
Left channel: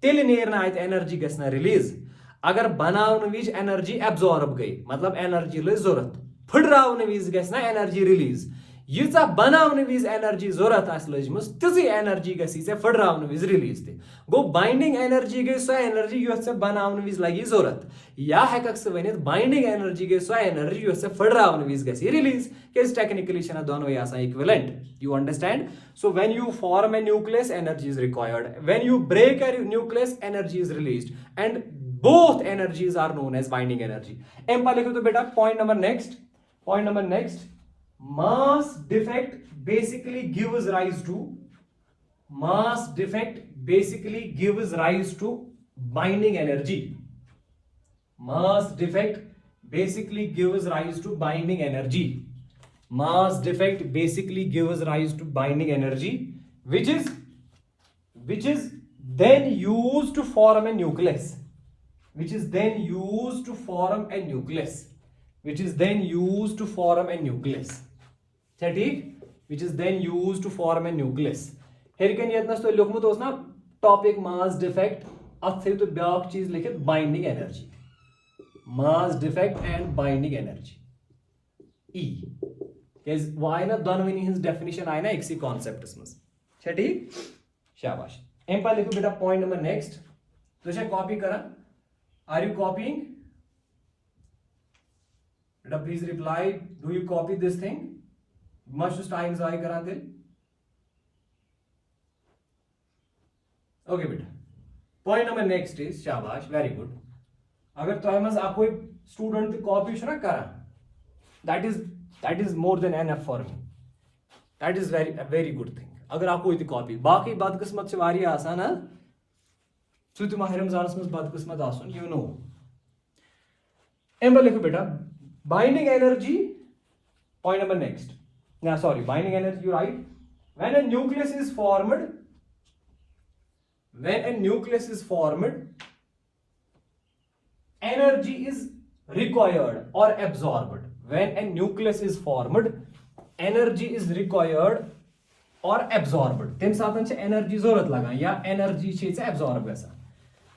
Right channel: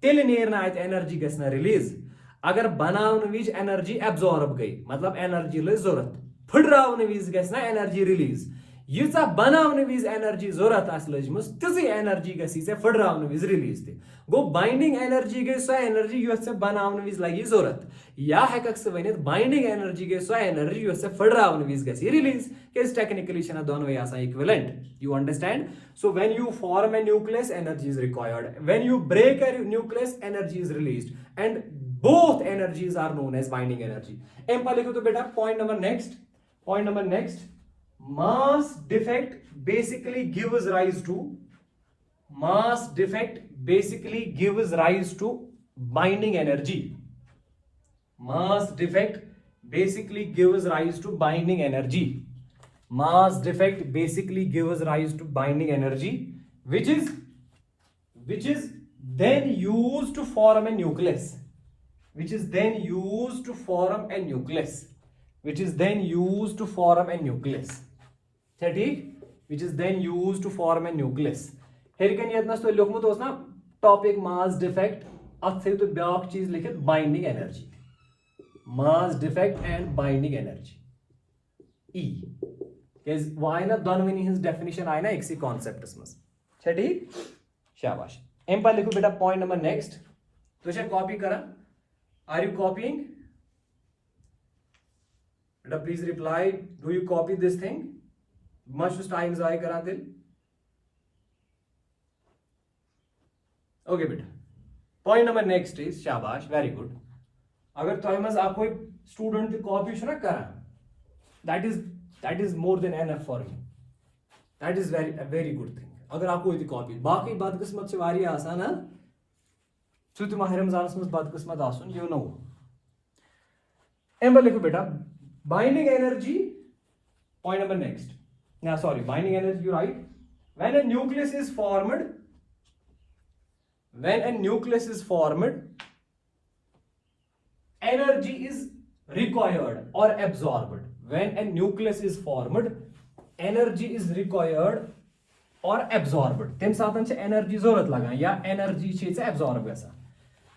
तेल नेरना अत एनर्जी गसना रिलीज अगर बनावन विज एनर्जी एब्जॉर्ब गई मतलब एनर्जी लय जरूरत फुडरावन विज गसना एनर्जी रिलीज यीचा बनावन विज एनर्जी जरूरत आस लजमस तिजी एनर्जी गसी से फुडरावन विज रिलीज ते गो बाइंडिंग एनर्जी गई सो एनर्जी योस से बनावन विज लगी जरूरत या हेकक से वनित बाइंडिंग एनर्जी गई सो एनर्जी योस से फुडरावन विज गसी रिलीज केस टेक्निकली छना दोनों या सा equivalent you understand so when you form a nucleus energy is required when you break a nucleus energy is released and both energies are known as binding energy एम पर लिखो तो बेटा point number next mass defect basically gives rise to binding energy. Mass defect basically gives rise to binding energy. Mass defect basically gives rise to binding energy, which is then used to form a nucleus. Which is then used to form a nucleus. Which is then used to form a nucleus. Which is then used to form a nucleus. Here can you तो लिखमुत ओस ना topic mass defect अथ तो back चीज लिखित binding energy. Mass defect and binding energy. E. केस वाई ना दोनों हिंस definition आए ना एक सी concept इसमें. ठीक? शाबाश. एम पर लिखो बेटा point number next. तो इसे copy करा. Are you copying? Beta, please reply. Do you copy this thing? Much time ज़ाय करा दिल. Okay बेटा. Point number next is शाबाश, very good. अगर तो मज़ आप कोई student की copy शुरू करा, that is more than enough for me. That is a very good thing. अगर आप कोई copy, बाकी बात किस्मत से वारी आसान है. So to माह रमजान में बदकिस्मत आसन you know एम लिखो बेटा binding energy point number next binding energy you write when a nucleus is formed energy is required or absorbed when a nucleus is formed energy is required or absorbed tem साथन से energy जरूरत लगा या energy से absorb गसा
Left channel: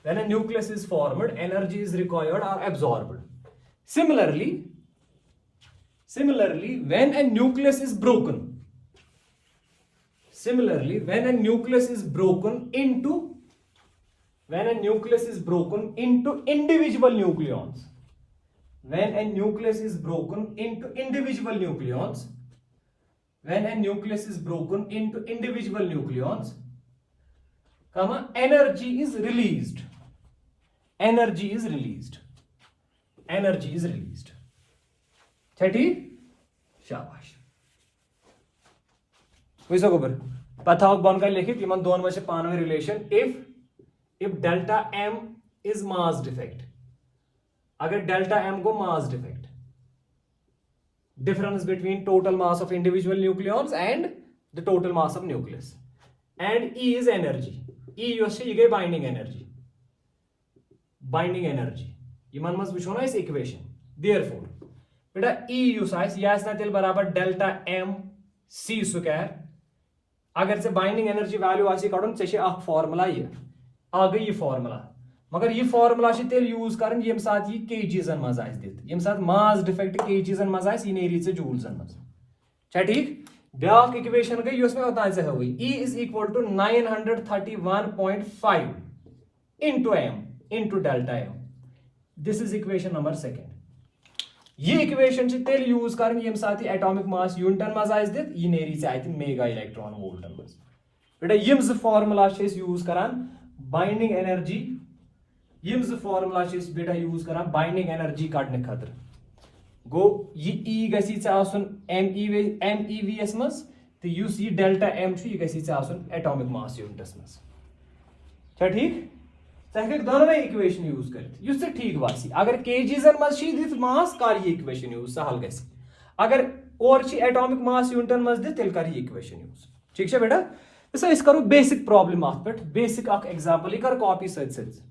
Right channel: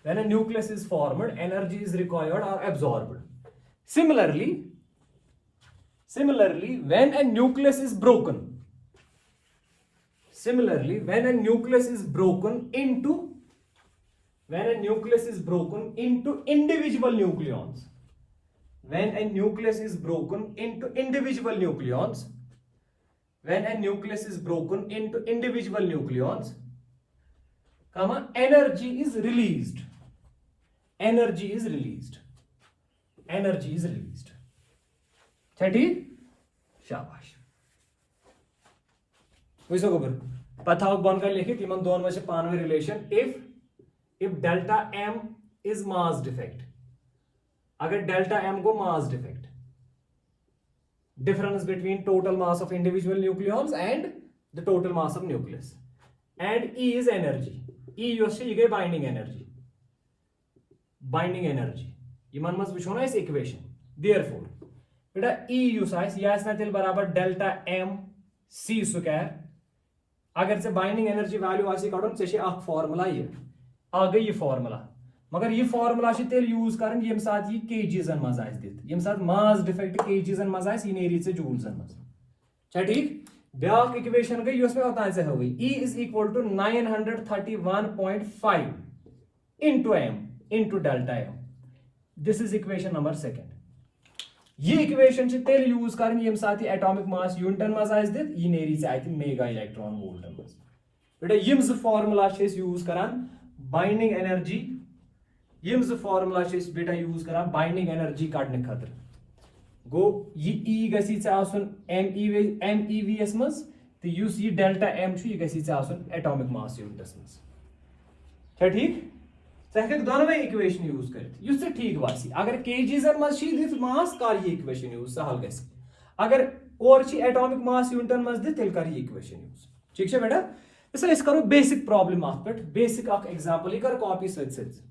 when a nucleus is formed energy is required or absorbed similarly when a nucleus is broken into individual nucleons energy is released ठीक शाबाश वैसा गोबर पता हो बन कर लिखित इमन दोनों में से पानवे relation if delta m is mass defect अगर delta m को mass defect difference between total mass of individual nucleons and the total mass of nucleus and E is energy E योश ये गए binding energy इमन मस विचो ना इस equation therefore बेटा E use ice या इसना तिल बराबर delta m c स्क्वायर अगर से binding energy value आसी काढून चेशे आख फॉर्मूला ये आ गई ये फॉर्मूला मगर ये फॉर्मूला से तेल यूज करन यम साथ ये केजीजन मज आइस दित यम साथ मास डिफेक्ट केजीजन मज आइस इन एरी से जूल्सन मज छ ठीक ब्याक इक्वेशन गई उसमें होता है हुई E is equal to 931.5 into m into delta m this is equation number 2 ये इक्वेशन से तेल यूज करन यम साथ एटॉमिक मास यूनिटन मज आइस दित इन एरी से आइति मेगा इलेक्ट्रॉन वोल्टन मज बेटा यम ज फार्मूला से यूज करन बाइंडिंग एनर्जी यम ज फार्मूला से बेटा यूज करन बाइंडिंग एनर्जी काटने खातिर गो ये ई गसी एम ई वी एस मज तो युस ये डेल्टा एम यह गसी एटॉमिक मास यूनिटस मज क्या ठीक चे दोनवे इक्वेशन यूज कर ठीक बासी अगर केजीजन मज दित मास कर ये इक्वेशन यूज सहल गस अगर और एटॉमिक मास यूनिटन मज दित तेल कर ये इक्वेशन यूज ठीक है बेटा इस करो बेसिक प्रॉब्लम अत पे बेसिक एग्जांपल यह कर कॉपी सत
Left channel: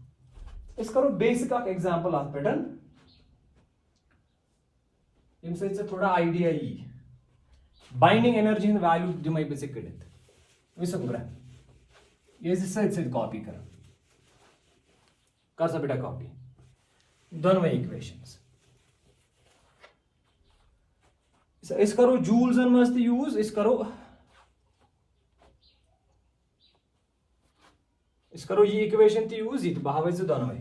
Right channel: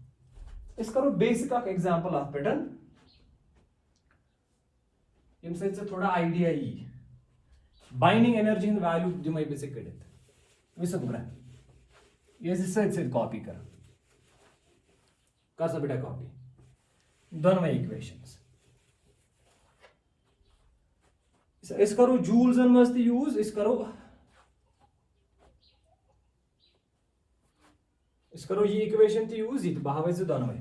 करो बेसिक एग्जांपल अत पे यम सत थोड़ा आइडिया यी बाइंडिंग एनर्जी हंद वैल्यू दिमे बे कड़ित वह गुमरा ये सत कॉपी कर सा बेटा कॉपी दोनों इक्वेशंस इस करो जूल्सन मज यूज इस करो ये इक्वेशन यूज ये बह वो दोनों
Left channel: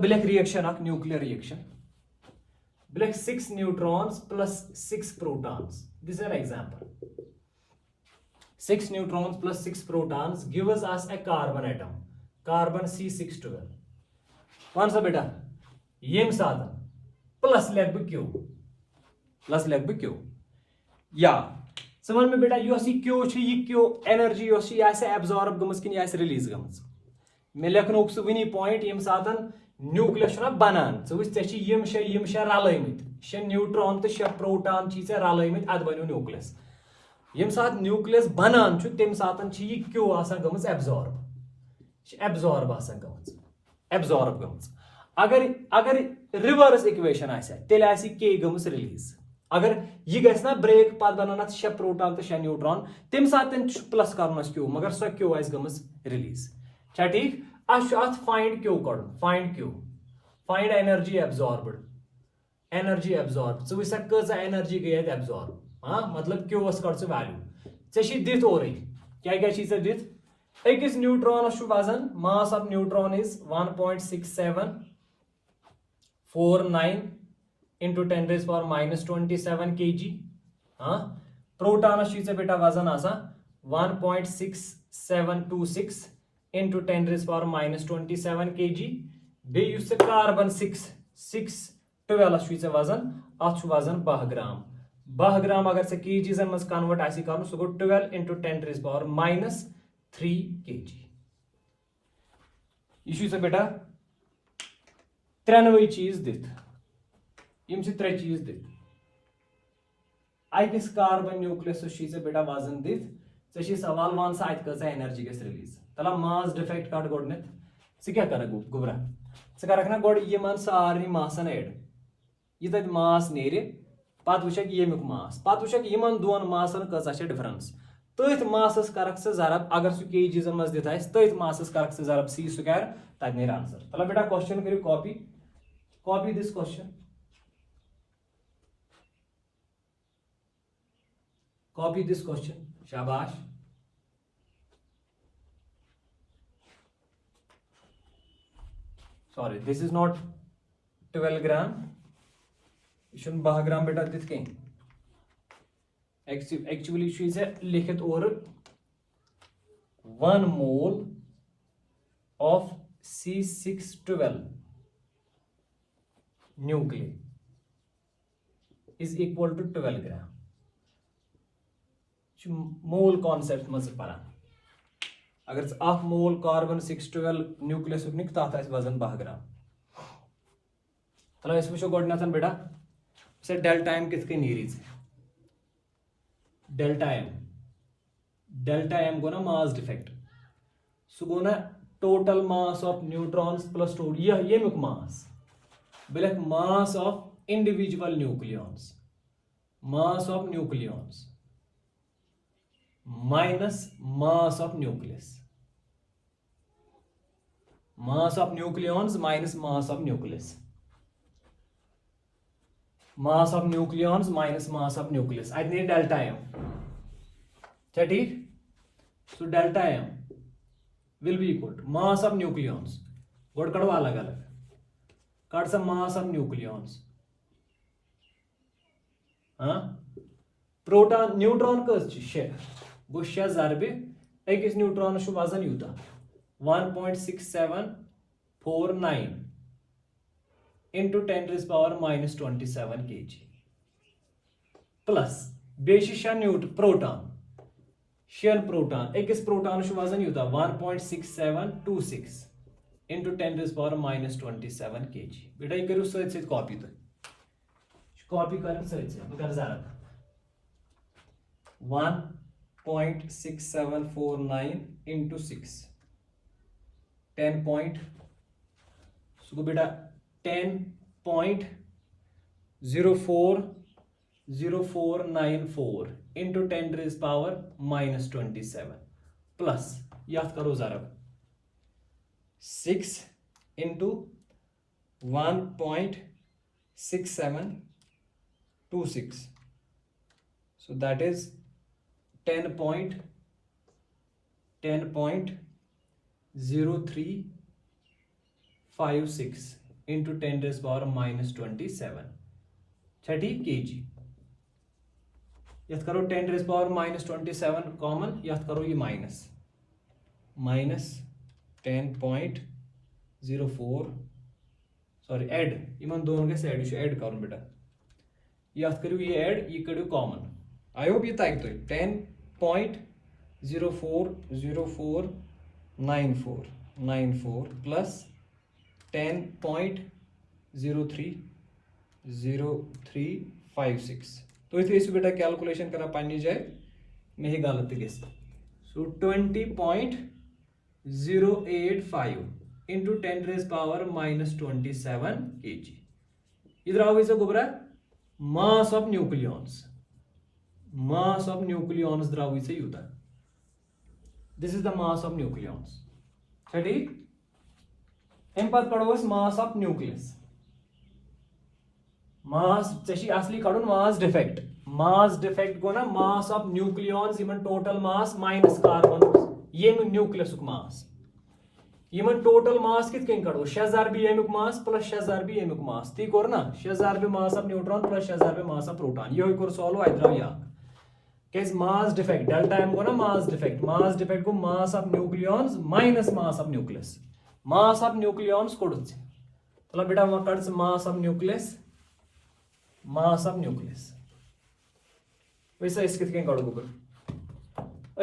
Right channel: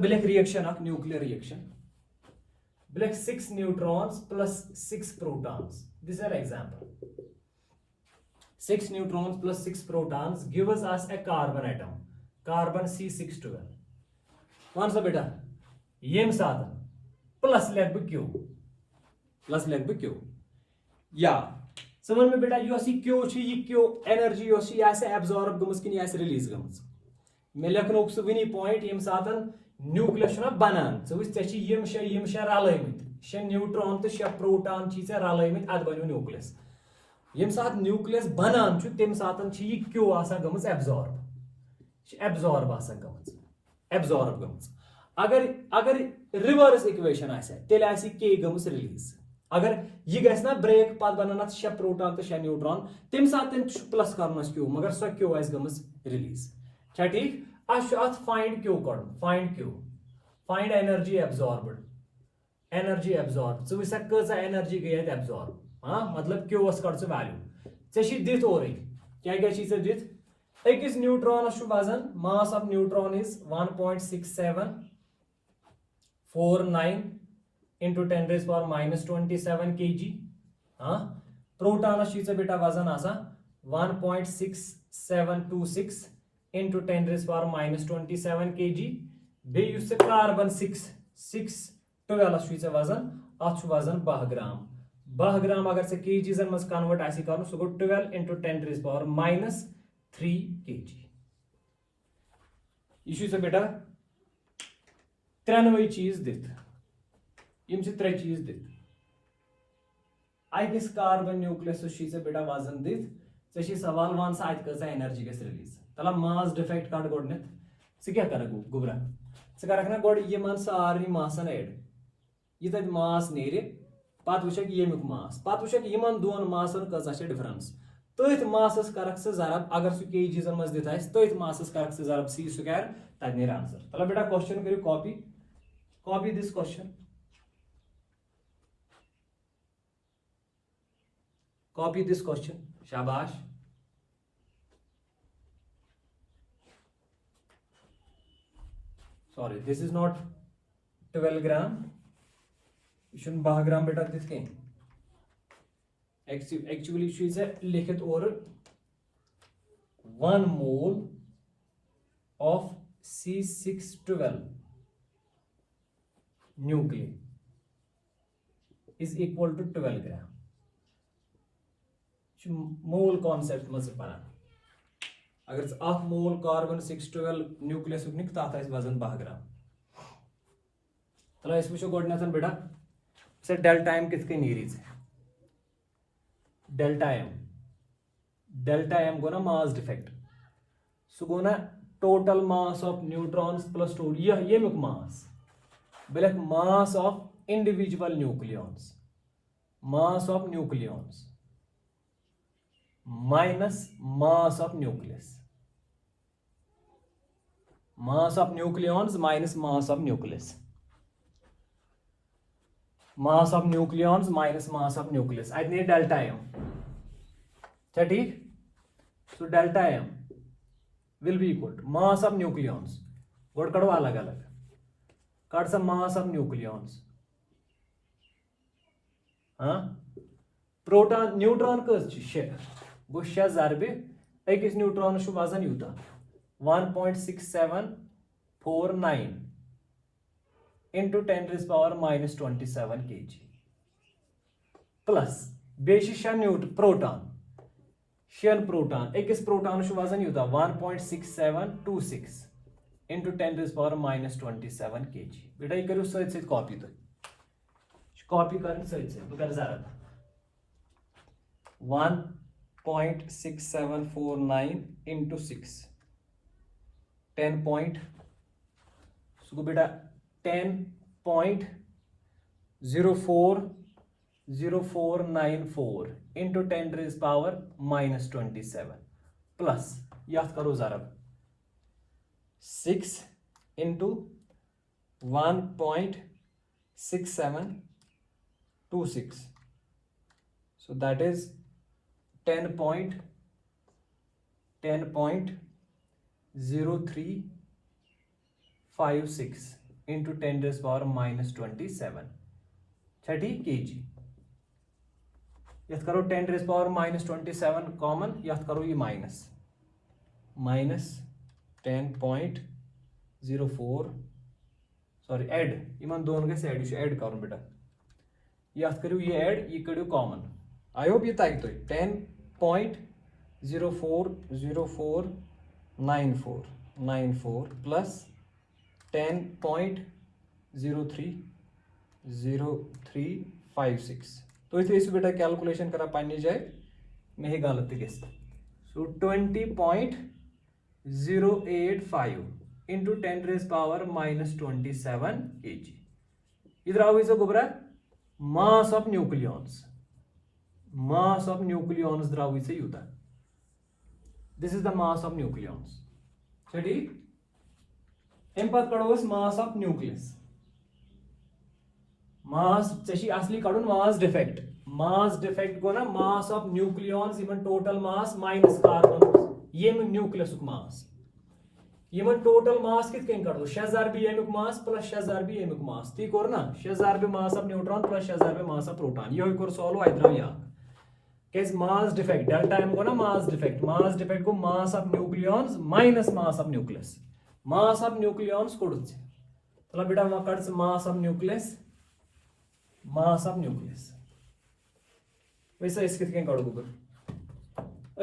black reaction nuclear reaction black 6 neutrons plus 6 protons this is an example 6 neutrons plus 6 protons gives us a carbon atom carbon C612 one सा बेटा यम साथ प्लस लेख क्यू या समझ में बेटा क्यू एनर्जी एब्जॉर्ब गमज कि रिलीज गमज मे लेखनोक सह वनी पॉइंट यम साथ न्यूक्लियस बनान यम शे रलमित 6 न्यूट्रॉन तो 6 प्रोटॉन रलमित अद बनो न्यूक्लियस यम साथ न्यूक्लियस बनान तम साथ क्यू गमज एब्जॉर्ब गमज अगर रिवर्स इक्वेशन तेल के गमज रिलीज अगर यह गना ब्रेक पत बन 6 प्रोटॉन तो 6 न्यूट्रॉन तम साथ प्लस कर क्यू मगर सो क्यू गमज रिलीज क्या ठीक अत find Q find energy absorb चा कजा एनर्जी गई एब्जॉर्ब हाँ मतलब क्यू कड़ वैल्यू चे दित और क्या दित अकिस न्यूट्रॉनस वजन मास of neutron is 1.6749 into 10 raised power minus 27 kg हाँ प्रोटॉनस बेटा वजन 1.6726 into 10 raised power minus 27 kg बे कार्बन 612 वजन अत वजन 10 ग्राम अगर से केजीजन मज कन्वर्ट कर सह गो 12 into 10 raised power minus 3 kg यह बेटा त्रेनवे चीज दित यम त्रे चीज दित अकिस कार्बन न्यूक्लियस बेटा वजन दित चे सवाल वन सा अत एनर्जी गस रिलीज तला मास डिफेक्ट कट गोडनेथ क्या कर गुबरा कर ना गोड यमन सारे मासन एड यह तत मास नेर पत वुक यमुक मास पत वुक यमन दोन मासन कजा डिफरेंस तथ मासस कर जरब अगर सह केजीजन मज दित तथ मासस कर जरब सी स्क्वायर तक नेर आंसर चलो बेटा क्वेश्चन करो copy this question copy this question शाबाश सॉरी दिस इज नॉट 12 ग्राम यह 10 ग्राम बेटा दित कहीं एक्चुअली लिखित और 1 mole of C612 nuclei is equal to 12 gram mole concept मज पान अगर अख मोल कार्बन 612 न्यूक्लियस निक तथ वजन 10 ग्राम चलो वो गोडन बेटा से डेल्टा एम कित नीरी डेल्टा एम गो ना मास डिफेक्ट सह गो ना total mass of neutrons plus यमुक मास बेलक mass of individual nucleons minus mass of nucleus mass of nucleons minus mass of nucleus mass of nucleons minus mass of nucleus अत delta M क्या ठीक so delta M will be equal to mass of nucleons गोड कड़ो अलग अलग कड़ सा mass of nucleons हाँ प्रोटॉन न्यूट्रॉन कस 6 गो 6 जरबे अकिस न्यूट्रॉनस वजन Utah 1.6749 into 10 raised power minus 27 kg plus बेशि प्रोटॉन शेन प्रोटॉन अकिस प्रोटॉन वजन यूता 1.6726 into 10 raised power minus 27 kg बेटा ये करो सत सत कॉपी तो कॉपी कर सत सत बह कर जरा 1.6749 into 6 10 point सो बेटा 10.0494 into 10 raised power minus 27 plus याद करो जरा 6 into 1.6726 so that is 10.0356 into 10 raised power minus 27 30 kg याद करो 10 raised power minus 27 कॉमन याद करो ये माइनस 10.04 सॉरी ऐड इन दोन गए ऐड करो बेटा याद करो ये ऐड ये करो कॉमन आई होप ये तक तो 10.040494 प्लस 10.0356 तो इस बेटा कैलकुलेशन करा पानी जाए में ही गलत गए सो 20.085 into 10 raised power minus 27 kg इधर आओ इसे गोबरा mass of nucleons द्राव इसे Utah this is the mass of nucleons ठीक इन पद कड़ो mass of nucleus mass चशी असली कड़ो mass defect गो ना mass of nucleons इमन total mass minus carbon ये nucleus mass Yemen total mass कित कन कड़ो 6000 भी एमिक मास प्लस 6000 भी एमिक मास ती कोर ना 6000 भी मास ऑफ न्यूट्रॉन प्लस 6000 भी मास ऑफ प्रोटॉन यो कोर सॉल्व आइद्रा या केस मास डिफेक्ट डेल्टा एम को ना मास डिफेक्ट को mass of nucleons minus mass of nucleus कोडुचे तला बेटा मा कड्स मास ऑफ न्यूक्लियस वैसा इस कित कन कड़ो गुगर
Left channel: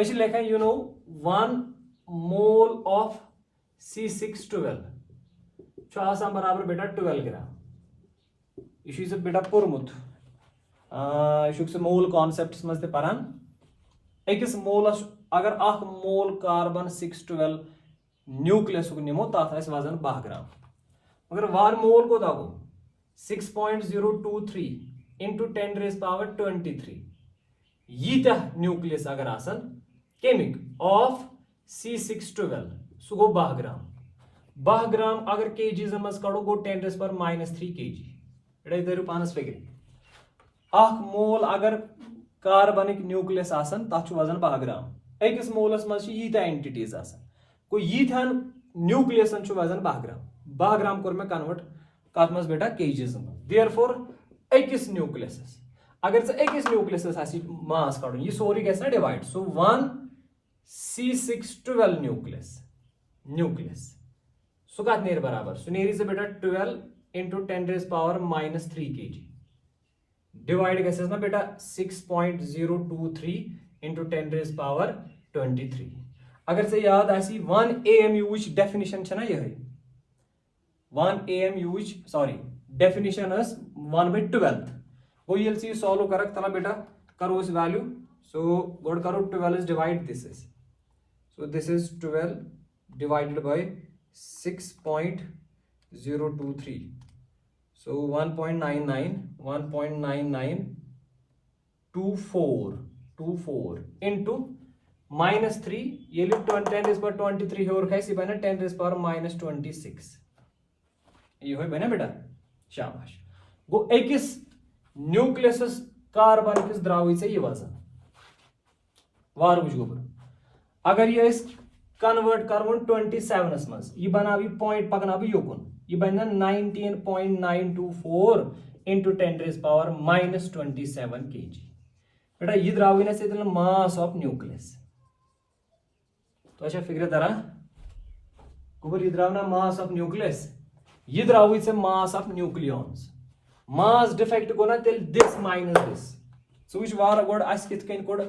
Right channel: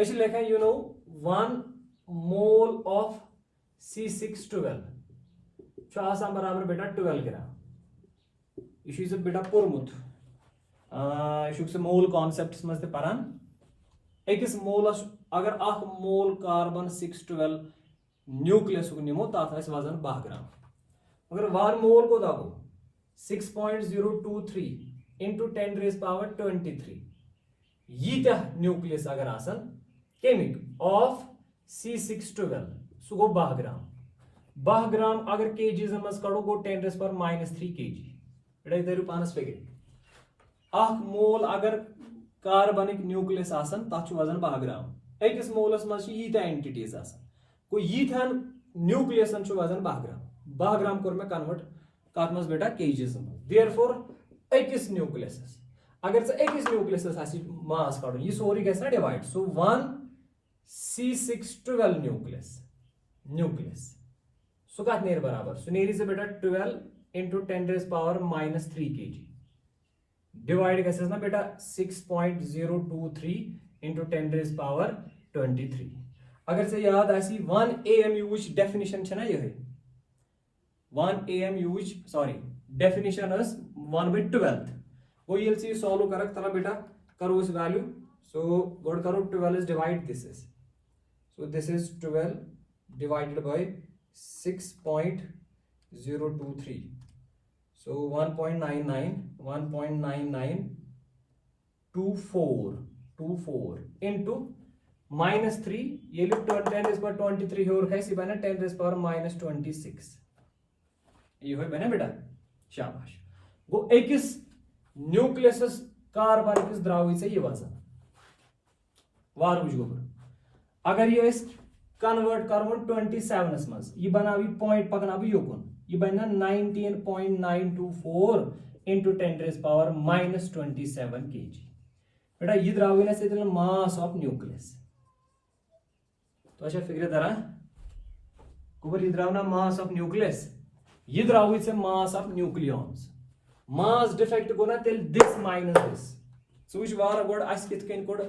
ऐसे लेखा you know 1 mole of C612 बराबर बेटा 12 ग्राम यह बेटा पोर्मुत यह मोल कॉन्सेप्ट मज पान अकिस मोलस अगर अख मोल कार्बन 612 न्यूक्लियस निमो तथ वजन 12 ग्राम मगर 1 मोल को 6.023 into 10 raised power 23 यीत्या न्यूक्लियस अगर आसन केमिक ऑफ C612 सो गो 12 ग्राम अगर केजीज मज कड़ो गो 10 raised power minus 3 kg बेटा धरू पानस फिगर अख मोल अगर कार्बनिक न्यूक्लियस आसन तथ वजन 12 ग्राम अकिस मोलस मज यीत्या एंटिटीज आसन को यीथ्यान न्यूक्लियसन वजन 12 ग्राम कोर में कन्वर्ट कत मज बेटा केजीज मज देयरफॉर अकिस न्यूक्लियस अगर अकिस न्यूक्लियस मास कड़ो यह सोरी गस ना divide so 1 C612 nucleus so कत नेर बराबर सो नेरी से बेटा 12 into 10 raised power minus 3 kg divide गस ना बेटा 6.023 into 10 raised power 23 अगर से याद आसी 1 AMU which definition छना यह 1 AMU which sorry definition is 1/12 वो ये सी सॉल्व करक तला बेटा करो इस वैल्यू सो गोड करो 12 is divide this is so this is 12 divided by 6.023 so 1.9924 into minus 3 ये लिप 10 raised power 23 है और कैसी बना 10 raised power minus 26 ये हो बना बेटा शाबाश गो एकिस न्यूक्लियस कार्बनिक द्रावी से ये वजन वार बुझ गोबर अगर ये कन्वर्ट करवन 27 मज यह बनावी पॉइंट पकनावी योकुन यह बना 19.924 into 10 raised power minus 27 kg बेटा यह द्रावी ना मास ऑफ न्यूक्लियस तो अच्छा फिक्र दरा गोबर ये द्राव ना मास ऑफ न्यूक्लियस, ये द्राव इसे mass of nucleons. Mass defect गो ना तेल this minus this. So which वार गोड अस कित कन कोड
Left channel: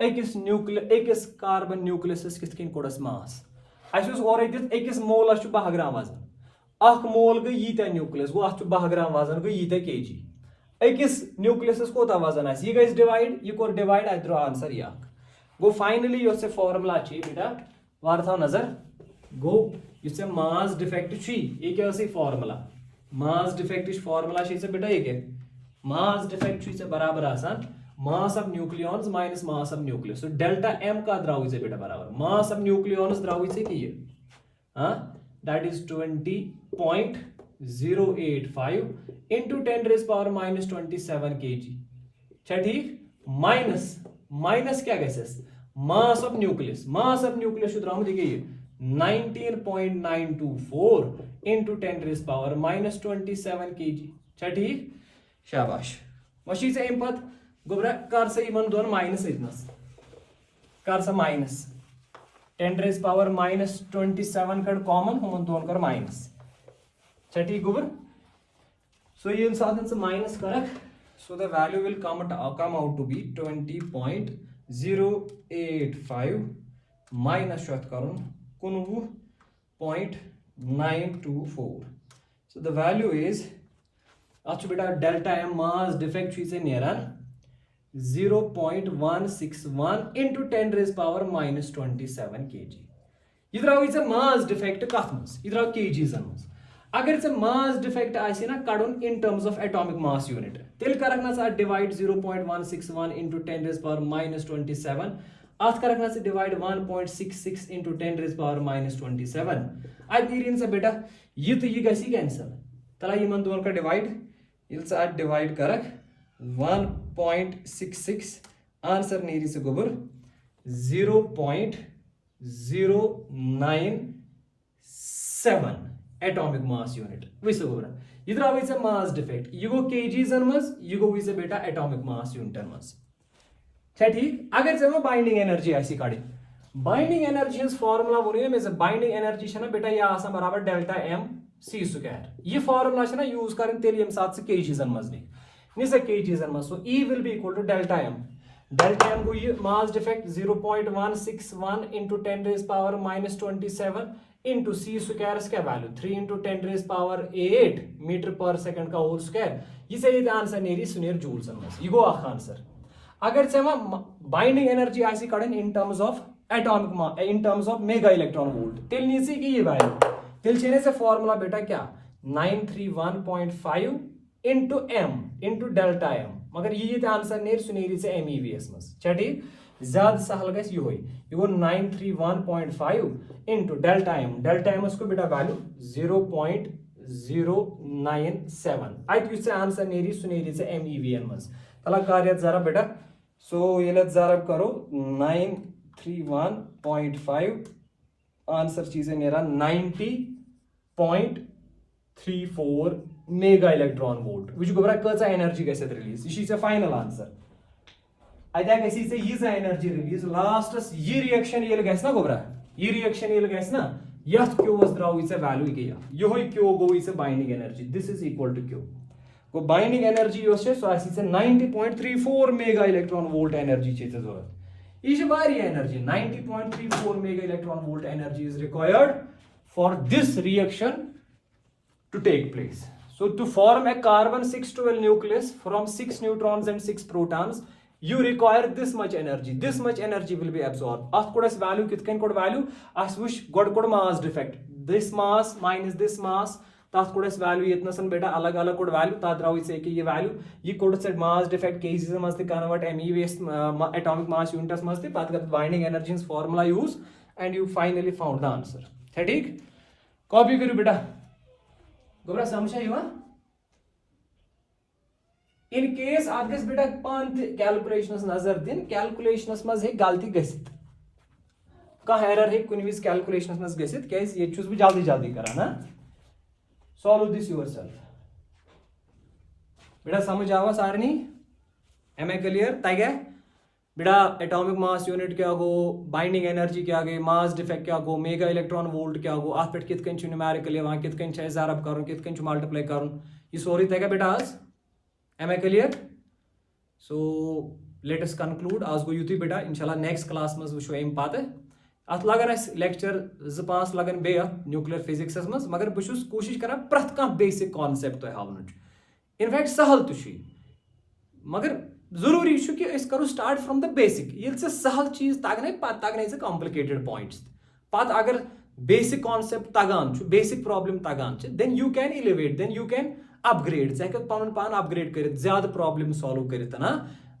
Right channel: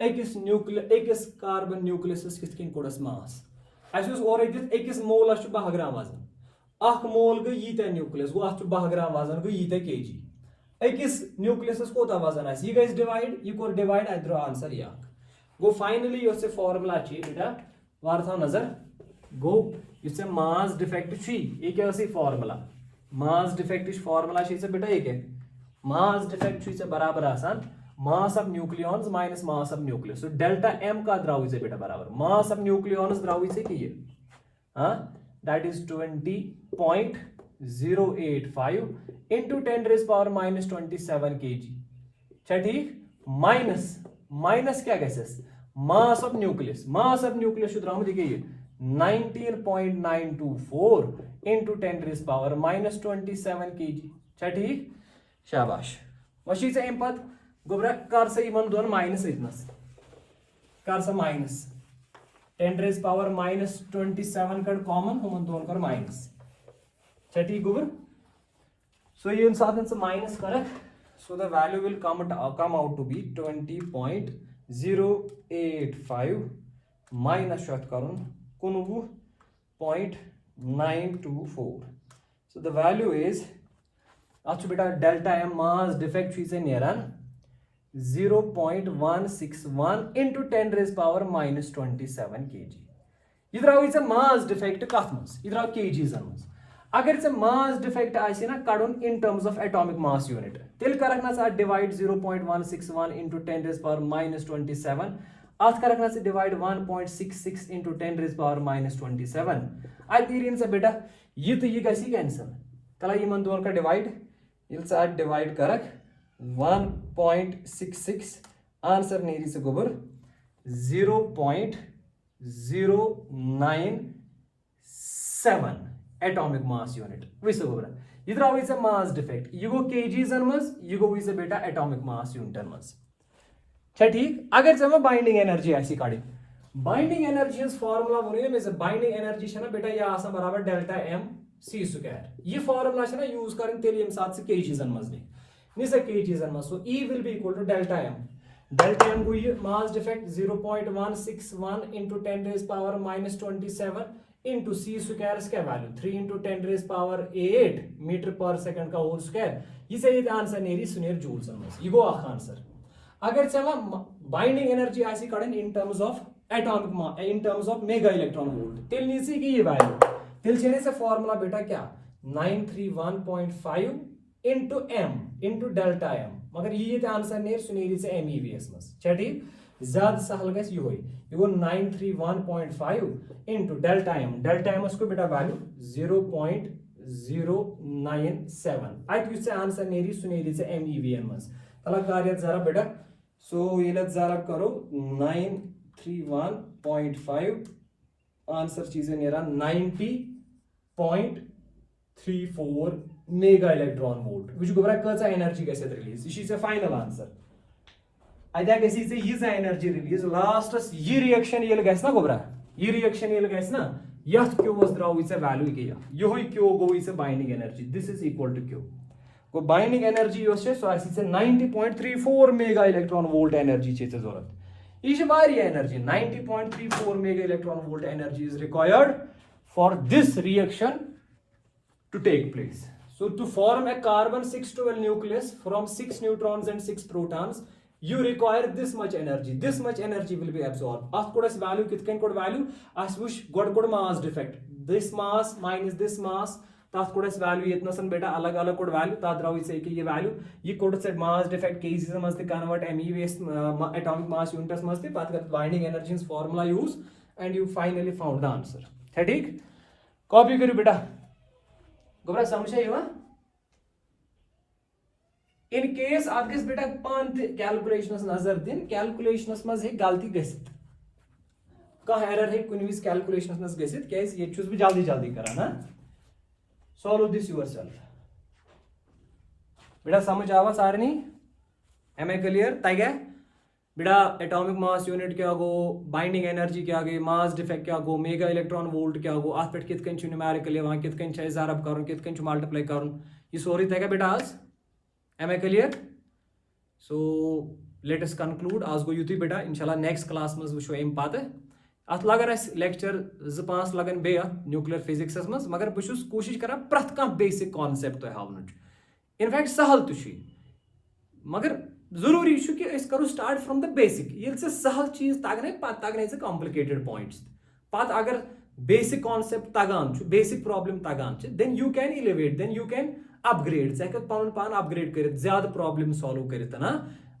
एकस न्यूक्लियस एकस कार्बन न्यूक्लियस कित कन कोडस मास. अस और एकस मोलस 12 ग्राम वजन. अख मोल गई यीत न्यूक्लियस गो अथ 12 ग्राम वजन गई यीत केजी. एकस न्यूक्लियस कोता वजन आस ये गई डिवाइड ये कोर डिवाइड अत द्रो आंसर या गो. फाइनली यो से फॉर्मूला छि बेटा वार थाव नजर गो ये मास डिफेक्ट ये क्या फॉर्मूला. मास डिफेक्ट फॉर्मूला बेटा ये क्या मास डिफेक्ट बराबर आसान mass of nucleons minus mass of nucleus. So delta M का द्राव बेटा बराबर मास ऑफ न्यूक्लियॉन्स द्राव कि ये that is 20.085 into 10 raised power minus 27 kg. ठीक माइनस माइनस क्या गैसेस mass of nucleus. Mass of nucleus द्राव देखिए 19.924 into 10 raised power minus 27 kg. ठीक शाबाश. वशी से अम पत गोबरा कर सा इमन दोन माइनस इतनस कर सा माइनस 10 raised power minus 27 कड़ कॉमन हम दोन कर माइनस. ठीक गोबर. सो ये साथ से माइनस करक so the value will come out to be 20.085 minus शत करूँ 19.924. So the value is अच्छा बेटा डेल्टा एम मास डिफेक्ट से नेरान 0.161 into 10 raised power minus 27 kg. इधर मास डिफेक्ट कथ मज इधर kgs मज. अगर इसे मास डिफेक्ट आसे ना कड़न in terms of atomic mass unit तेल करक ना divide 0.161 into 10 raised power minus 27 अत करक ना divide 1.66 into 10 raised power minus 27. आई तीन से बेटा ये तो ये गसी कैंसिल तला ये मन दोन का डिवाइड ये डिवाइड करक 1.66 आंसर नीरी से गोबर 0.097 एटॉमिक मास यूनिट वैसे गोबर. इधर आवे से मास डिफेक्ट ये गो केजीज मज ये गो वैसे बेटा एटॉमिक मास यूनिट मज. ठीक अगर से बाइंडिंग एनर्जी ऐसी काढ़ी बाइंडिंग एनर्जी फॉर्मूला वो में बाइंडिंग एनर्जी है ना बेटा ये आसान बराबर डेल्टा एम सी स्क्वायर. ये फॉर्मूला है ना यूज करें तेल यम साथ से केजीज मज नहीं से केजीज मज. So E will be equal to delta M. Delta M को ये mass defect 0.161 into 10 raised power minus 27 into c square क्या value 3 into 10 raised power 8 metre पर सेकंड का होल स्क्वायर. ये सही आंसर नेरी सुनेर जूल्स मज ये गो आंसर. अगर से बाइंडिंग एनर्जी ऐसी कड़न in terms of atomic in terms of mega electron volt तेल नीचे की ये वैल्यू तेल चेने से फॉर्मूला बेटा क्या 931.5 into m into delta m मगर ये आंसर नेर सुनेरी से MEVS मस. ठीक ज्यादा सहल गस ये होई ये वो 931.5 into डेल्टा m उसको बेटा वैल्यू 0.097 आई से आंसर नेरी सुनेरी से MEVN मस. तला कार्य जरा बेटा सो ये जरा करो 931.5 आंसर चीजें नेरा 90.34 मेगा इलेक्ट्रॉन वोल्ट विच गोबरा कचा एनर्जी कैसे रिलीज इसी से फाइनल आंसर अद्या गसी से ये एनर्जी रिलीज लास्टस ये रिएक्शन ये गस ना गोबरा ये रिएक्शन ये गस ना यथ क्यू वस द्राव इसे वैल्यू के यो क्यू गो इसे binding energy this is equal to Q को बाइंडिंग एनर्जी यो से सो आसी से 90.34 मेगा इलेक्ट्रॉन वोल्ट एनर्जी छे जरूरत. इस वारी energy 90.34 mega electron volt energy is required for this reaction to take place. So to form a carbon 612 nucleus from 6 neutrons and 6 protons, you require this much energy. This much energy will be absorbed. At codas value kitken code value as wish god code mass defect. This mass minus this mass. Tat codas value itna san beta alag alag code value. Tat raw is ki ye value. Ye code said mass defect cases must convert MEVS atomic mass units must path binding energy formula use and you finally found the answer. ठीक copy करी बेटा गोबरा समझा हुआ. In case आप गस बेटा पान calculations नजर दिन कैलकुलेशनस मज है गलती गसित का एरर है कुन विज कैलकुलेशनस मज गसित कैस ये चूज भी जल्दी जल्दी करा ना सॉल्व दिस योरसेल्फ बेटा समझ आवा सारनी एम आई क्लियर तगे बेटा एटॉमिक मास यूनिट क्या गो, बाइंडिंग एनर्जी क्या गई, मास डिफेक्ट क्या गो, मेगा इलेक्ट्रॉन वोल्ट क्या गो, अत पे कित कन न्यूमेरिकल यहां, कित कन ज़रब कर, कित कन मल्टीप्लाई कर, यह सोरी तगह बेटा आज। Am I clear? So let us conclude आज गो युत बेटा, इंशाल्लाह नेक्स्ट क्लास मज वो अम पत अत लगन लेक्चर 2-5 लगन बे न्यूक्लियर फिजिक्स मज, मगर बहुत कोशिश कर प्रथ कह बेसिक कॉन्सेप्ट तुम हावन। इनफैक्ट सहल तो मगर जरूरी कि करो स्टार्ट फ्रॉम द बेसिक। ये सहल चीज तगन पत तगन कॉम्प्लिकेटेड पॉइंट्स, पत अगर बेसिक कॉन्सेप्ट तगान, बेसिक प्रॉब्लम तगान, then you can elevate, then you can upgrade, ज़ पन पान अपग्रेड कर ज्यादा प्रॉब्लम सॉल्व कर ना।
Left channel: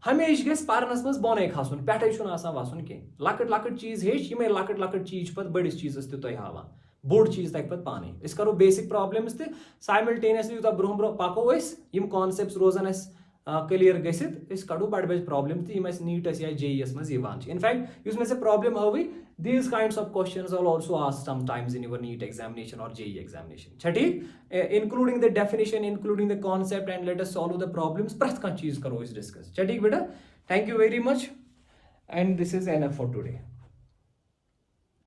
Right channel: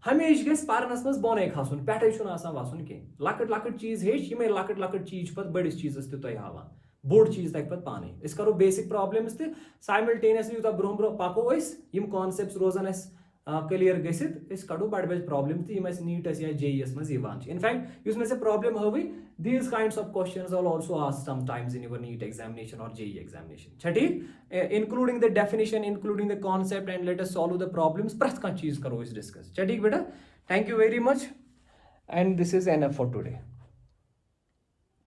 हमेशा गस पारनस मज बोन खसन, पे वसन कह लकट लकट चीज हेच, ये लकट लकट चीज पे बड़िस चीजस तुम हावान, बोड़ चीज तक पे पाने। करो बेसिक प्रॉब्लम्स ते साइमल्टेनियसली यूत ब्रोह ब्रोह पको यम कॉन्सेप्ट्स रोजन क्लियर गसित कड़ो बड़ बज प्रॉब्लम तम नीटस या जेईएस मज इनफैक्ट मे से प्रॉब्लम हवी, these kinds of questions are also asked sometimes in your NEET examination or JEE examination. ठीक, including the definition, including the concept, and let us solve the problems. प्रथ कह चीज करो इस डिस्कस। ठीक बेटा, thank you very much and this is enough for today.